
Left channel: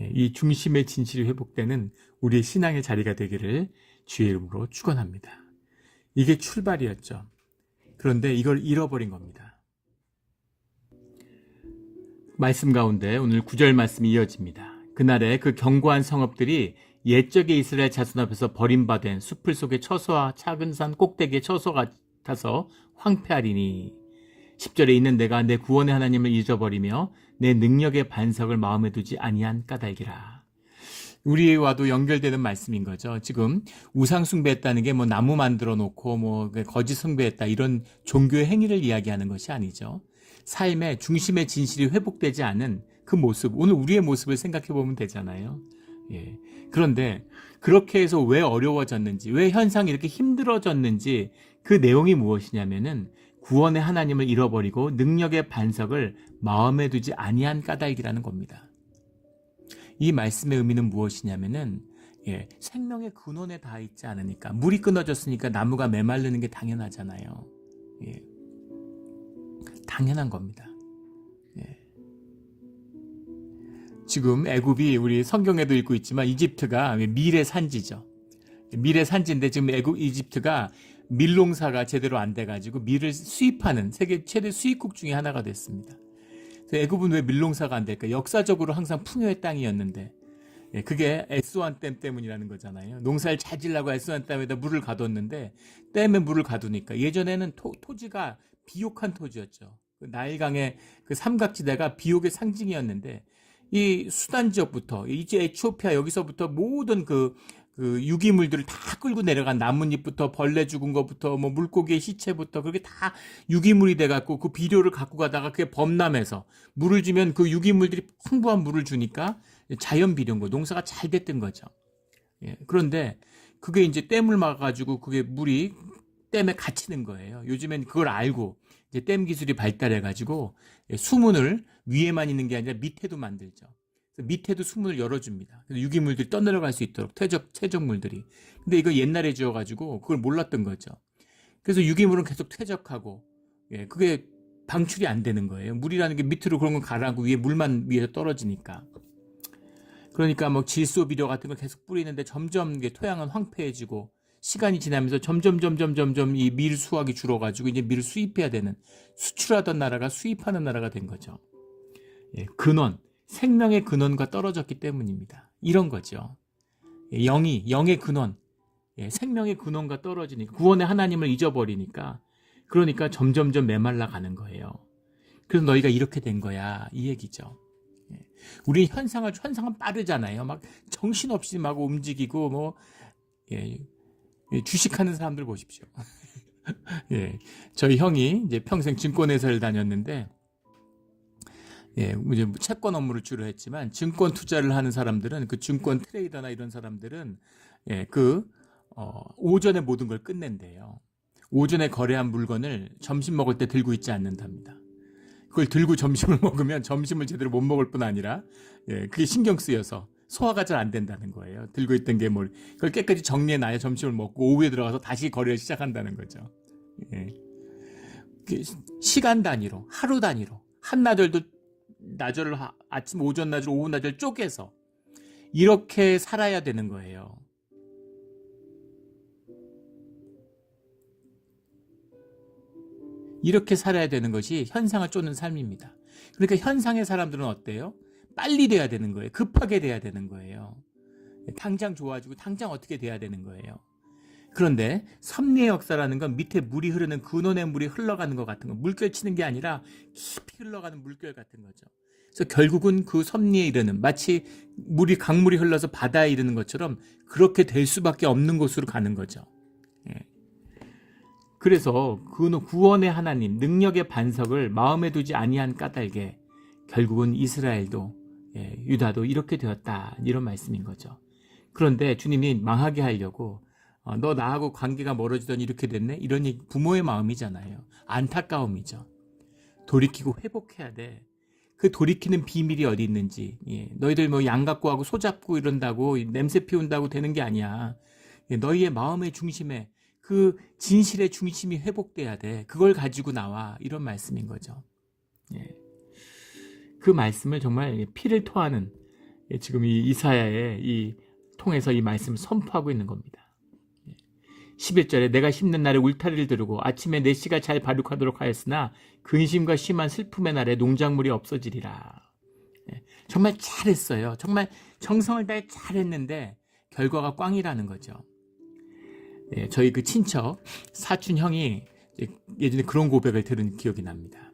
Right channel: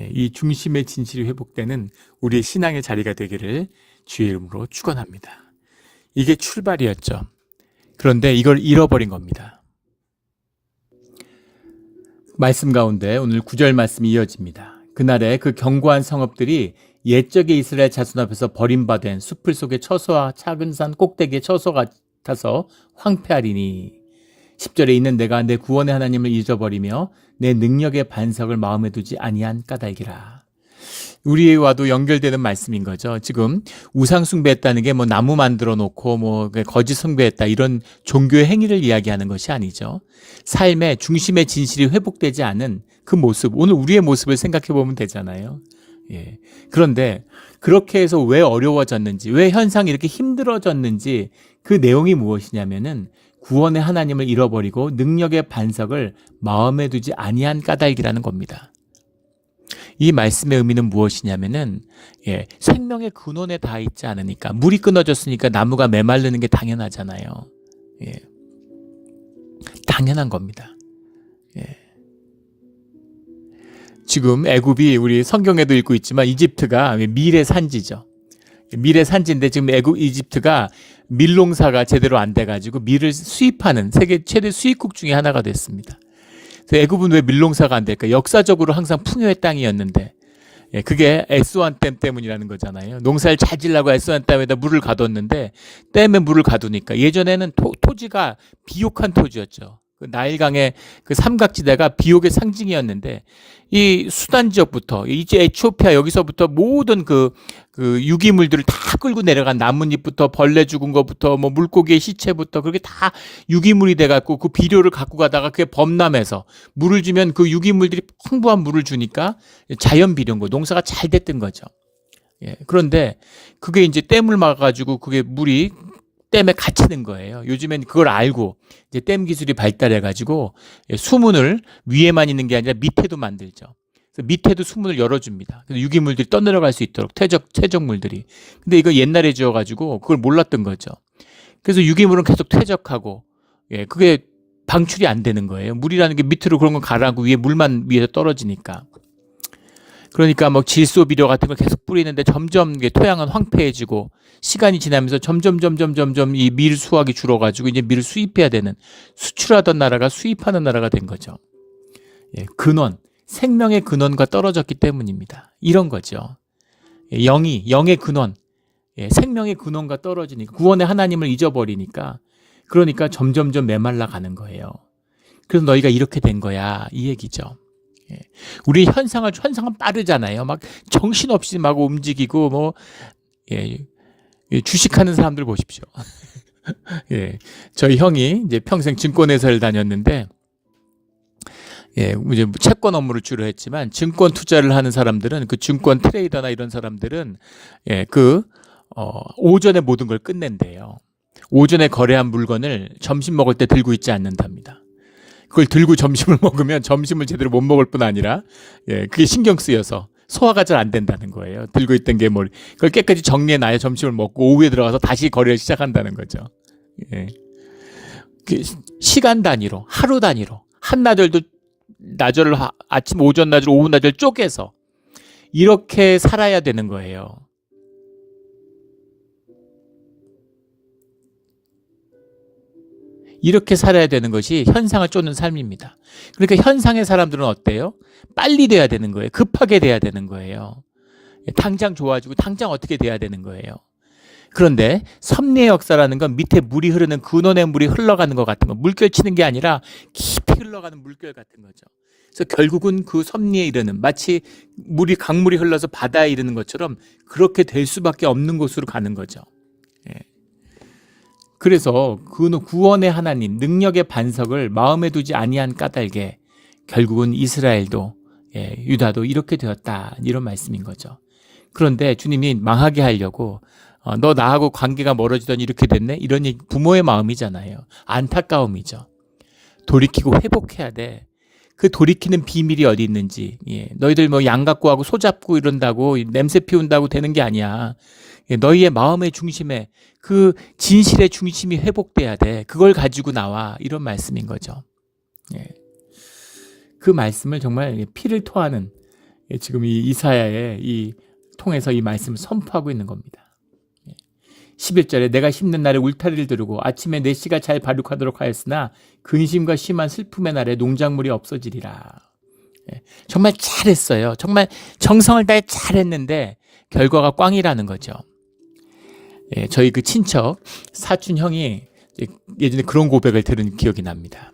예. 이 중심의 진실이 회복되는 우리의 신앙의 자리가 되기를 주의 이름으로 축원합니다. 이게 출발이었죠. 그런데 이걸 잃어버린 겁니다. 말씀 가운데 오늘 9절 말씀이 이어집니다. 그날에 그 견고한 성읍들이 옛적의 이스라엘 자손 앞에서 버림받은 숲을 속의 처소와 작은 산 꼭대기의 처소 같아서 황폐하리니 10절에 있는 내가 내 구원의 하나님을 잊어버리며 내 능력의 반석을 마음에 두지 아니한 까닭이라. 우리와도 연결되는 말씀인 거죠. 지금 우상 숭배했다는 게 뭐 나무 만들어 놓고 뭐 거짓 숭배했다 이런 종교의 행위를 이야기하는 것이 아니죠. 삶의 중심의 진실이 회복되지 않은 그 모습, 오늘 우리의 모습을 생각해 보면 되잖아요. 예. 그런데 그렇게 해서 왜 어려워졌는지, 왜 현상이 이렇게 힘들어졌는지 그 내용이 무엇이냐면은 구원의 하나님을 잃어버리고 능력의 반석을 마음에 두지 아니한 까닭이라는 겁니다. 이 말씀의 의미는 무엇이냐면은 생명의 근원에 닿아 있지 않으니까, 물이 끊어졌으니까 나무가 메마르는 게 당연하잖아요. 예. 당연한 겁니다. 예. 지금 애굽이 우리 성경에도 읽고 있지만 이집트가 밀의 산지죠. 밀의 산지인데 지금 이집트가 밀농사가 제대로 안 돼가지고 밀을 수입하는 세계 최대 수입국 중에 하나가 됐습니다. 그래서 애굽은 왜 밀농사가 안 될까? 역사적으로 항상 풍요의 땅이었는데 그게 에스완 댐 때문이라는 거잖아요. 농사를 잘 지려고 에스완 댐에다 물을 가뒀는데 댐에 물을 가두니까 예전에는 토지가 비옥한 토지였죠. 그 나일강의 그 삼각지대가 비옥의 상징이었는데 이 수단 지역부터 이제 에티오피아 여기서부터 모든 그 유기물들을 다 끌고 내려간 나뭇잎부터 벌레 죽은 것부터 뭐 물고기의 시체부터 그렇게 다 유기물이 돼갖고 그 비료를 갖고 가다가 그게 범람해서 물을 주면 그 유기물들이 풍부한 물을 주니까 자연 비료인 거 농사가 잘 됐던 거죠. 그런데 그게 이제 댐을 막아가지고 그게 물이 댐에 갇히는 거예요. 요즘엔 그걸 알고 이제 댐 기술이 발달해가지고 수문을 위에만 있는 게 아니라 밑에도 만들죠. 그래서 밑에도 수문을 열어줍니다. 그래서 유기물들이 떠내려갈 수 있도록 퇴적물들이. 근데 이거 옛날에 지어가지고 그걸 몰랐던 거죠. 그래서 유기물은 계속 퇴적하고 그게 방출이 안 되는 거예요. 물이라는 게 밑으로 그런 거 가라앉고 위에 물만 위에서 떨어지니까. 그러니까 뭐 질소 비료 같은 걸 계속 뿌리는데 점점 토양은 황폐해지고 시간이 지나면서 점점 이 밀 수확이 줄어가지고 이제 밀을 수입해야 되는 수출하던 나라가 수입하는 나라가 된 거죠. 근원, 생명의 근원과 떨어졌기 때문입니다. 이런 거죠. 영의 근원, 생명의 근원과 떨어지니까 구원의 하나님을 잊어버리니까 그러니까 점점 메말라 가는 거예요. 그래서 너희가 이렇게 된 거야 이 얘기죠. 우리 현상은 빠르잖아요. 막 정신없이 막 움직이고 뭐 주식하는 사람들 보십시오. 저희 형이 이제 평생 증권회사를 다녔는데 이제 채권 업무를 주로 했지만 증권 투자를 하는 사람들은 그 증권 트레이더나 이런 사람들은 오전에 모든 걸 끝낸대요. 오전에 거래한 물건을 점심 먹을 때 들고 있지 않는답니다. 그걸 들고 점심을 먹으면 점심을 제대로 못 먹을 뿐 아니라 그게 신경 쓰여서 소화가 잘 안 된다는 거예요. 들고 있던 게 뭘 그걸 깨끗이 정리해놔야 점심을 먹고 오후에 들어가서 다시 거래를 시작한다는 거죠. 시간 단위로 하루 단위로 한나절도 나절을 아침 오전 나절 오후 나절 쪼개서 이렇게 살아야 되는 거예요. 이렇게 살아야 되는 것이 현상을 쫓는 삶입니다. 그러니까 현상의 사람들은 어때요? 빨리 돼야 되는 거예요. 급하게 돼야 되는 거예요. 당장 좋아지고 당장 어떻게 돼야 되는 거예요. 그런데 섭리의 역사라는 건 밑에 물이 흐르는 근원의 물이 흘러가는 것 같은 거, 물결 치는 게 아니라 깊이 흘러가는 물결 같은 거죠. 그래서 결국은 그 섭리에 이르는 마치 강물이 흘러서 바다에 이르는 것처럼 그렇게 될 수밖에 없는 곳으로 가는 거죠. 그래서 구원의 하나님 능력의 반석을 마음에 두지 아니한 까닭에 결국은 이스라엘도 유다도 이렇게 되었다 이런 말씀인 거죠. 그런데 주님이 망하게 하려고 너 나하고 관계가 멀어지더니 이렇게 됐네 이런 얘기 부모의 마음이잖아요. 안타까움이죠. 돌이키고 회복해야 돼. 그 돌이키는 비밀이 어디 있는지 너희들 뭐 양 갖고 하고 소 잡고 이런다고 냄새 피운다고 되는 게 아니야. 너희의 마음의 중심에 그 진실의 중심이 회복돼야 돼. 그걸 가지고 나와 이런 말씀인 거죠. 그 말씀을 정말 피를 토하는 지금 이 이사야의 통해서 이 말씀을 선포하고 있는 겁니다. 11절에 내가 심는 날에 울타리를 두르고 아침에 내 씨가 잘 발육하도록 하였으나 근심과 심한 슬픔의 날에 농작물이 없어지리라. 정말 잘했어요. 정말 정성을 다해 잘했는데 결과가 꽝이라는 거죠. 저희 그 친척 사촌 형이 예전에 그런 고백을 들은 기억이 납니다.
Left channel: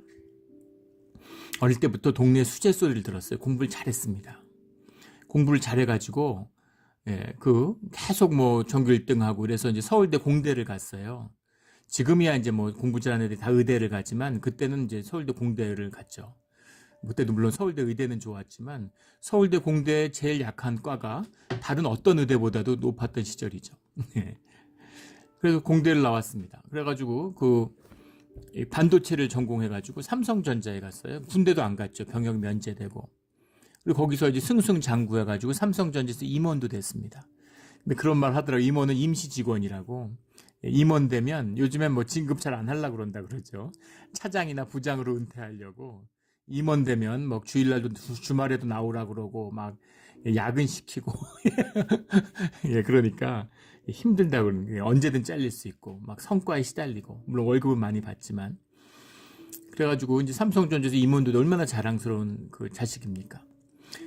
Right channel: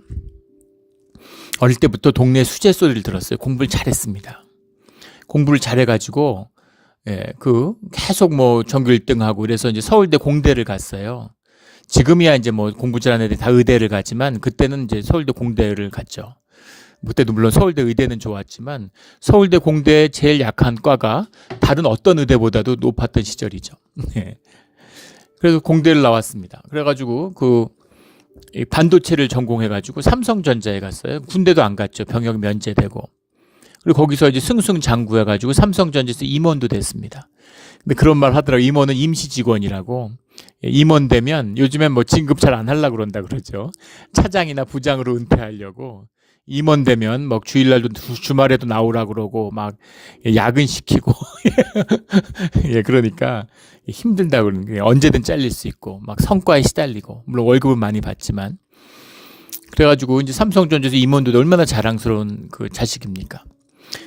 어릴 때부터 동네 수재 소리를 들었어요. 공부를 잘했습니다. 공부를 잘해가지고 계속 뭐 전교 1등하고 그래서 이제 서울대 공대를 갔어요. 지금이야 이제 뭐 공부 잘하는 애들이 다 의대를 가지만 그때는 이제 서울대 공대를 갔죠. 그때도 물론 서울대 의대는 좋았지만 서울대 공대의 제일 약한 과가 다른 어떤 의대보다도 높았던 시절이죠. 그래서 공대를 나왔습니다. 그래가지고 이 반도체를 전공해가지고 삼성전자에 갔어요. 군대도 안 갔죠. 병역 면제되고. 그리고 거기서 이제 승승장구해가지고 삼성전자에서 임원도 됐습니다. 근데 그런 말 하더라고요. 임원은 임시 직원이라고. 임원 되면 요즘엔 뭐 진급 잘 안 하려고 그런다 그러죠. 차장이나 부장으로 은퇴하려고. 임원 되면 막 주일날도 주말에도 나오라 그러고 막 야근시키고 예, 그러니까 힘들다 그러는 게 언제든 잘릴 수 있고 막 성과에 시달리고 물론 월급은 많이 받지만 그래가지고 이제 삼성전자에서 임원도 얼마나 자랑스러운 그 자식입니까?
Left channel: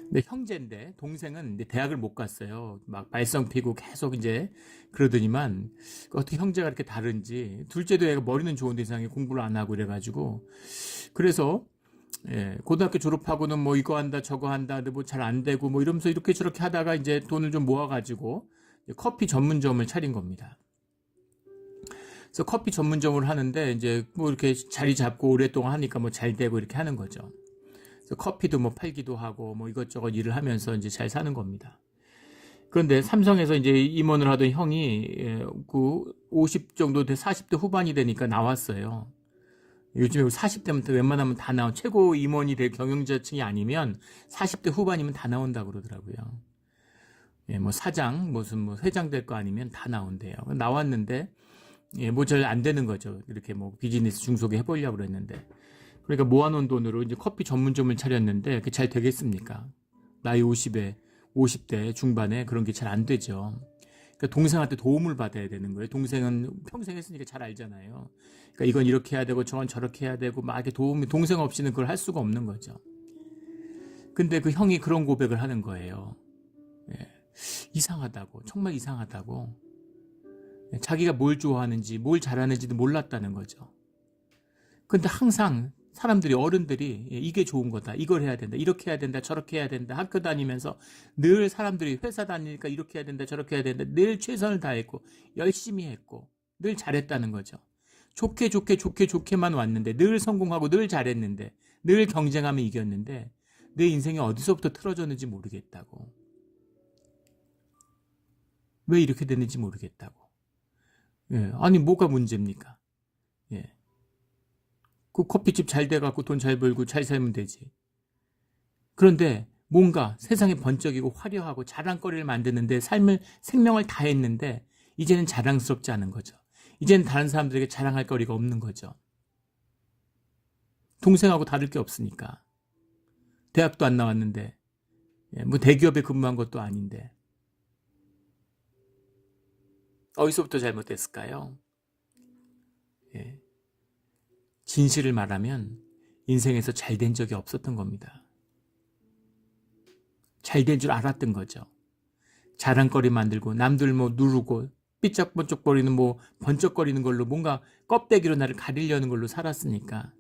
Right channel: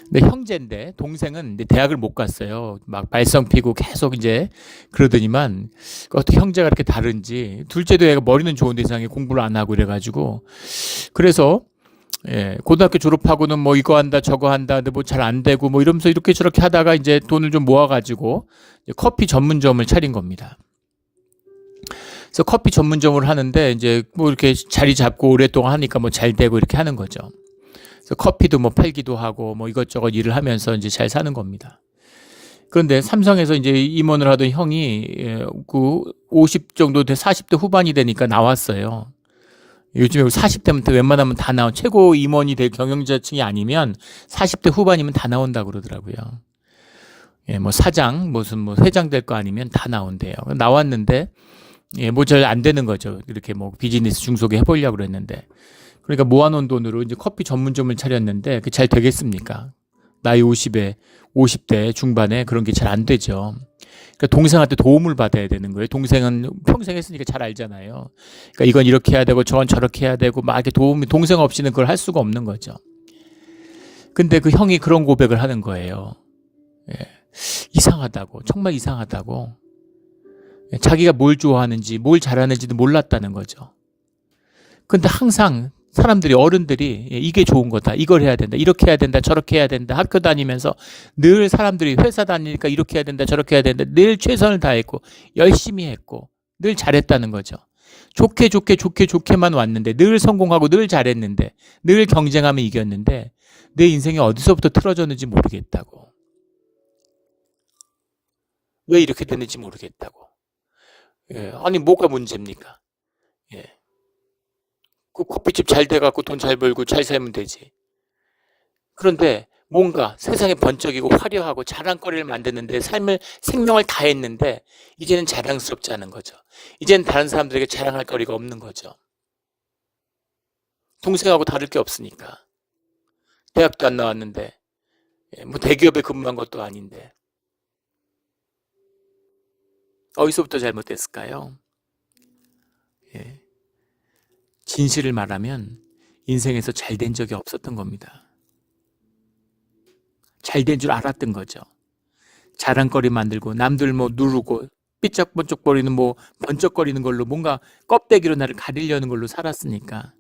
근데 형제인데 동생은 이제 대학을 못 갔어요. 막 발성 피고 계속 이제 그러더니만 어떻게 형제가 그렇게 다른지 둘째도 애가 머리는 좋은데 이상하게 공부를 안 하고 이래가지고 그래서 예, 고등학교 졸업하고는 뭐 이거 한다 저거 한다 근데 뭐 잘 안 되고 뭐 이러면서 이렇게 저렇게 하다가 이제 돈을 좀 모아가지고 커피 전문점을 차린 겁니다. 그래서 커피 전문점을 하는데 이제 뭐 이렇게 자리 잡고 오랫동안 하니까 뭐 잘 되고 이렇게 하는 거죠. 그래서 커피도 뭐 팔기도 하고 뭐 이것저것 일을 하면서 이제 잘 사는 겁니다. 그런데 삼성에서 이제 임원을 하던 형이 그 50 정도 돼 40대 후반이 되니까 나왔어요. 요즘에 40대부터 웬만하면 다 나온 최고 임원이 될 경영자층이 아니면 40대 후반이면 다 나온다고 그러더라고요. 예, 뭐 사장 무슨 뭐 회장 될 거 아니면 다 나온대요. 나왔는데 예, 뭐 잘 안 되는 거죠. 이렇게 뭐 비즈니스 중소기 해보려고 그랬는데. 그러니까 모아놓은 돈으로 이제 커피 전문점을 차렸는데 그게 잘 되겠습니까? 나이 50대 중반에 그런 게 잘 안 되죠. 그러니까 동생한테 도움을 받아야 되는 거예요. 동생은 평생 했으니까 잘 알잖아요. 그러니까 이건 이렇게 해야 되고 저건 저렇게 해야 되고 막 이렇게 도움이 동생 없이는 그걸 할 수가 없는 거죠. 근데 그 형이 그런 고백을 하는 거예요. 예. 이상하다고, 정말 이상하다고. 자기가 뭘 좋아하는지, 뭘 잘하는지도 몰랐다는 거죠. 근데 항상 사람들이 어른들이 이게 좋은 거다. 이걸 해야 된다. 이렇게 해야 된다. 저렇게 해야 된다. 학교 다니면서 늘 사람들이 회사 다니니까 이렇게 해야 된다. 저렇게 해야 된다. 늘 최선을 다했고 열심히 했고 늘 잘했다는 거죠. 좋게만 왔는데 늘 성공하고 늘 잘했는데 늘 경쟁하면 이겼는데 내 인생이 어디서부터 틀어졌는지 모르겠다고. 왜 이렇게 됐는지 모르겠다고. 예, 아니 뭐가 문제입니까? 예. 그 커피집 잘 돼갖고 돈 잘 벌고 잘 살면 되지. 그런데 뭔가 세상에 번쩍이고 화려하고 자랑거리를 만드는데 생명을 다했는데 이제는 자랑스럽지 않은 거죠. 이제는 다른 사람들에게 자랑할 거리가 없는 거죠. 동생하고 다를 게 없으니까. 대학도 안 나왔는데 뭐 대기업에 근무한 것도 아닌데 어디서부터 잘못됐을까요? 예. 진실을 말하면 인생에서 잘된 적이 없었던 겁니다. 잘된 줄 알았던 거죠. 자랑거리 만들고 남들 뭐 누르고 삐쩍번쩍거리는 뭐 번쩍거리는 걸로 뭔가 껍데기로 나를 가리려는 걸로 살았으니까.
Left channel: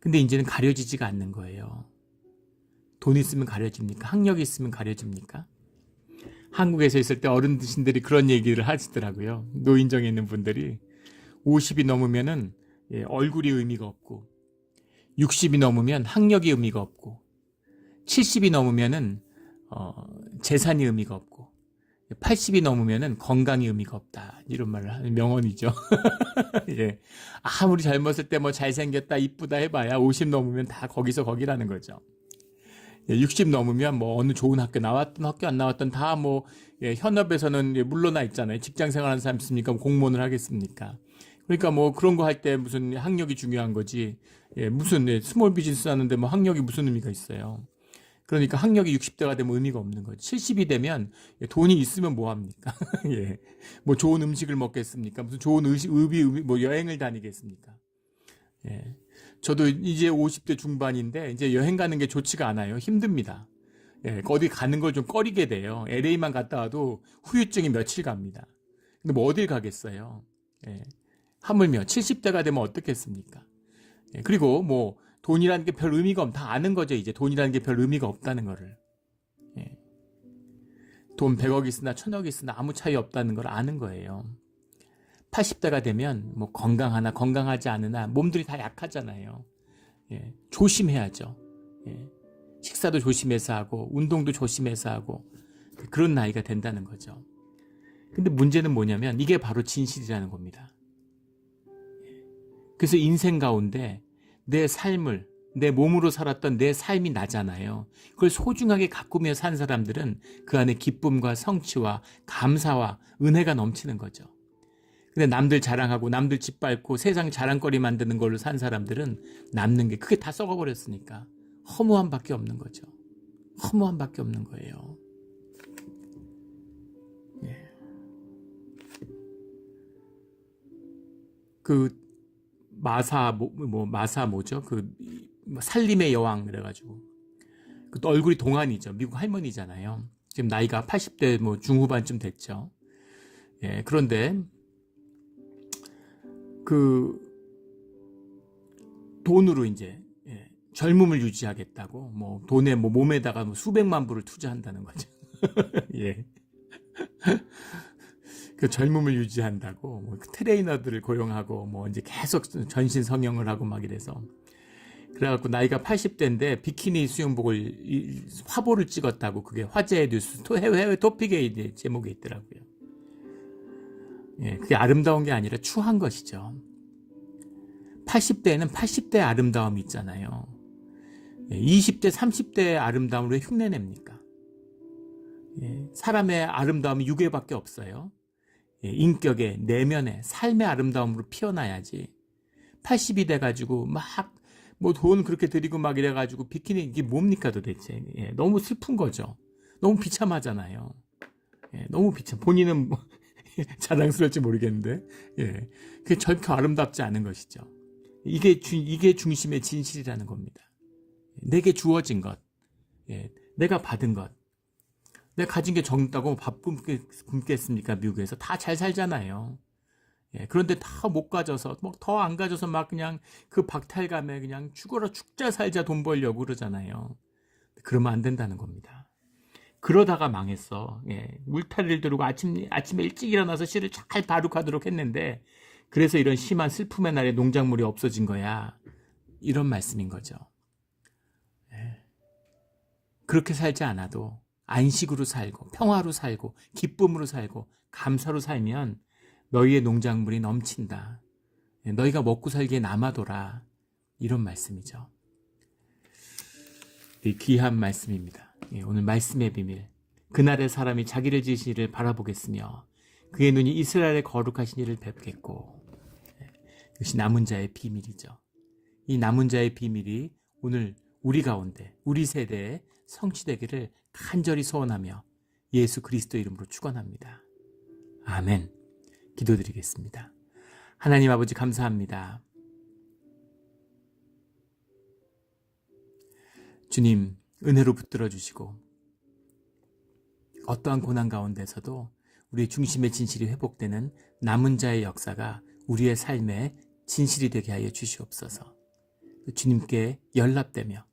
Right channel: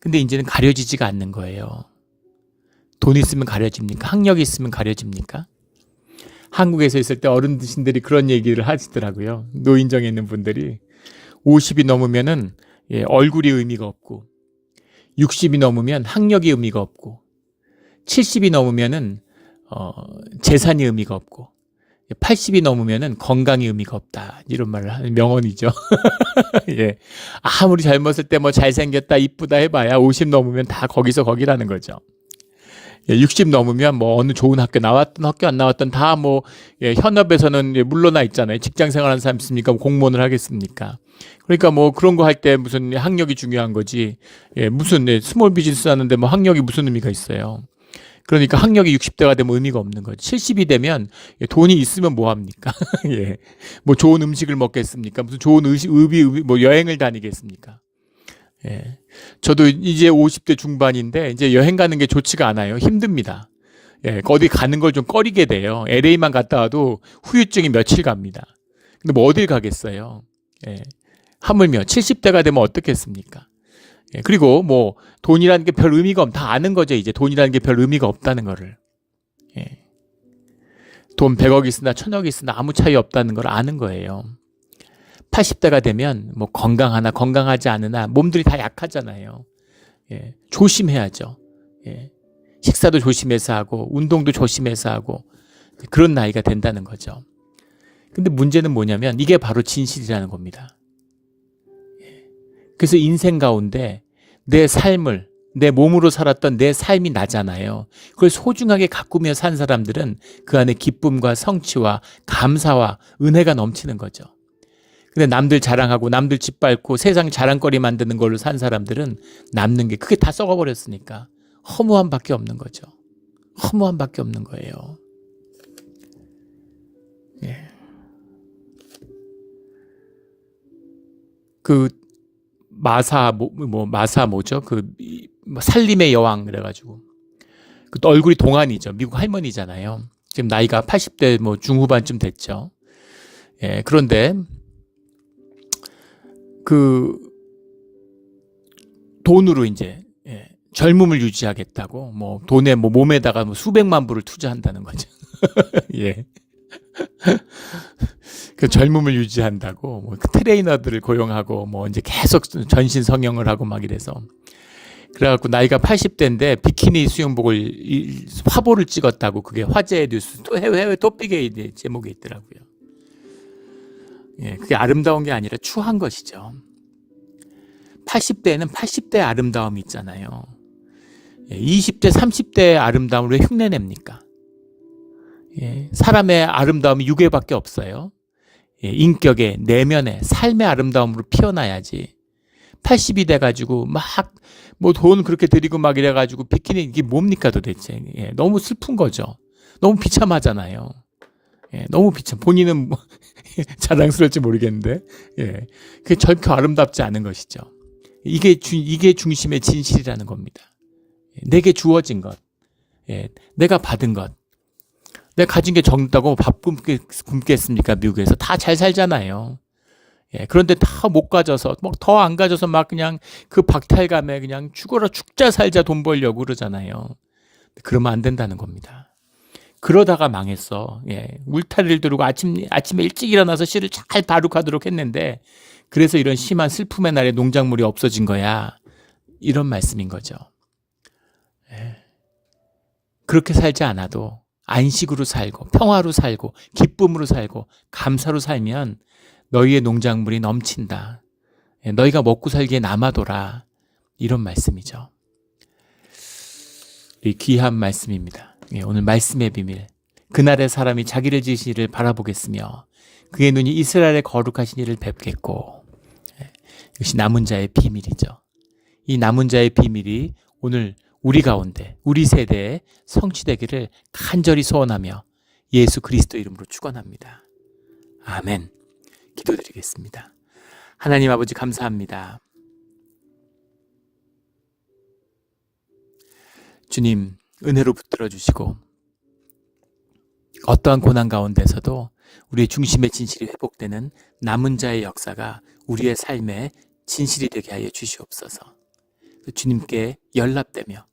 근데 이제는 가려지지가 않는 거예요. 돈 있으면 가려집니까? 학력이 있으면 가려집니까? 한국에서 있을 때 어른들이 그런 얘기를 하시더라고요. 노인정에 있는 분들이 50이 넘으면은 예, 얼굴이 의미가 없고 60이 넘으면 학력이 의미가 없고 70이 넘으면은 재산이 의미가 없고 80이 넘으면은 건강이 의미가 없다. 이런 말을 하는 명언이죠. 예. 아무리 젊었을 때 뭐 잘생겼다 이쁘다 해봐야 50 넘으면 다 거기서 거기라는 거죠. 60 넘으면 뭐 어느 좋은 학교 나왔던 학교 안 나왔던 다 뭐 현업에서는 물러나 있잖아요. 직장 생활하는 사람 있습니까? 공무원을 하겠습니까? 그러니까 뭐 그런 거 할 때 무슨 학력이 중요한 거지. 무슨 스몰 비즈니스 하는데 뭐 학력이 무슨 의미가 있어요. 그러니까 학력이 60대가 되면 의미가 없는 거죠. 70이 되면 돈이 있으면 뭐 합니까? 예. 뭐 좋은 음식을 먹겠습니까? 무슨 좋은 뭐 여행을 다니겠습니까? 예. 저도 이제 50대 중반인데 이제 여행 가는 게 좋지가 않아요. 힘듭니다. 예, 어디 가는 걸 좀 꺼리게 돼요. LA만 갔다 와도 후유증이 며칠 갑니다. 근데 뭐 어딜 가겠어요. 예. 하물며 70대가 되면 어떻겠습니까? 예, 그리고 뭐 돈이라는 게 별 의미가 다 아는 거죠. 이제 돈이라는 게 별 의미가 없다는 거를. 예. 돈 100억 있으나 1000억 있으나 아무 차이 없다는 걸 아는 거예요. 80대가 되면 뭐 건강하나 건강하지 않으나 몸들이 다 약하잖아요. 예, 조심해야죠. 예, 식사도 조심해서 하고 운동도 조심해서 하고 그런 나이가 된다는 거죠. 근데 문제는 뭐냐면 이게 바로 진실이라는 겁니다. 예, 그래서 인생 가운데 내 삶을 내 몸으로 살았던 내 삶이 나잖아요. 그걸 소중하게 가꾸며 산 사람들은 그 안에 기쁨과 성취와 감사와 은혜가 넘치는 거죠. 근데 남들 자랑하고 남들 짓밟고 세상 자랑거리 만드는 걸로 산 사람들은 남는 게 그게 다 썩어버렸으니까 허무함밖에 없는 거죠. 허무함밖에 없는 거예요. 예. 그 마사 뭐죠? 살림의 여왕 그래가지고 그 얼굴이 동안이죠. 미국 할머니잖아요. 지금 나이가 80대 중후반쯤 됐죠. 예, 그런데 그 돈으로 이제 젊음을 유지하겠다고 돈에 몸에다가 수백만 불을 투자한다는 거죠. 예. 그 젊음을 유지한다고 그 트레이너들을 고용하고 이제 계속 전신 성형을 하고 막 이래서 그래갖고 나이가 80대인데 비키니 수영복을 화보를 찍었다고 그게 화제의 뉴스 해외 토픽에 제목에 있더라고요. 예, 그게 아름다운 게 아니라 추한 것이죠. 80대에는 80대의 아름다움이 있잖아요. 20대, 30대의 아름다움을 왜 흉내냅니까? 예, 사람의 아름다움이 육에밖에 없어요. 예, 인격의, 내면의, 삶의 아름다움으로 피어나야지. 80이 돼가지고 막 돈 그렇게 들이고 막 이래가지고 비키니 이게 뭡니까 도대체. 예, 너무 슬픈 거죠. 너무 비참하잖아요. 예, 너무 비참. 본인은 자랑스러울지 모르겠는데, 예, 그게 절대 아름답지 않은 것이죠. 이게 중심의 진실이라는 겁니다. 내게 주어진 것, 예, 내가 받은 것, 내가 가진 게 적다고 밥 굶겠습니까? 미국에서 다 잘 살잖아요. 예, 그런데 다 못 가져서 더 안 가져서 막 그냥 그 박탈감에 그냥 죽어라 죽자 살자 돈 벌려고 그러잖아요. 그러면 안 된다는 겁니다. 그러다가 망했어. 예, 울타리를 두르고 아침에 일찍 일어나서 씨를 잘 바룩하도록 했는데 그래서 이런 심한 슬픔의 날에 농작물이 없어진 거야. 이런 말씀인 거죠. 예. 그렇게 살지 않아도 안식으로 살고 평화로 살고 기쁨으로 살고 감사로 살면 너희의 농작물이 넘친다. 예, 너희가 먹고 살기에 남아도라. 이런 말씀이죠. 이 귀한 말씀입니다. 예, 오늘 말씀의 비밀. 그날의 사람이 자기를 지으시기를 바라보겠으며 그의 눈이 이스라엘의 거룩하신 이를 뵙겠고. 예, 이것이 남은 자의 비밀이죠. 이 남은 자의 비밀이 오늘 우리 가운데 우리 세대에 성취되기를 간절히 소원하며 예수 그리스도 이름으로 축원합니다. 아멘. 기도드리겠습니다. 하나님 아버지 감사합니다. 주님 은혜로 붙들어 주시고 어떠한 고난 가운데서도 우리의 중심의 진실이 회복되는 남은 자의 역사가 우리의 삶의 진실이 되게 하여 주시옵소서. 주님께 연락되며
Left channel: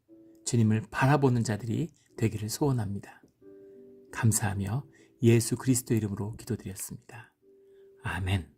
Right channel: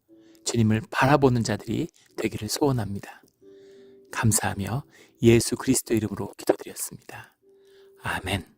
주님을 바라보는 자들이 되기를 소원합니다. 감사하며 예수 그리스도 이름으로 기도드렸습니다. 아멘.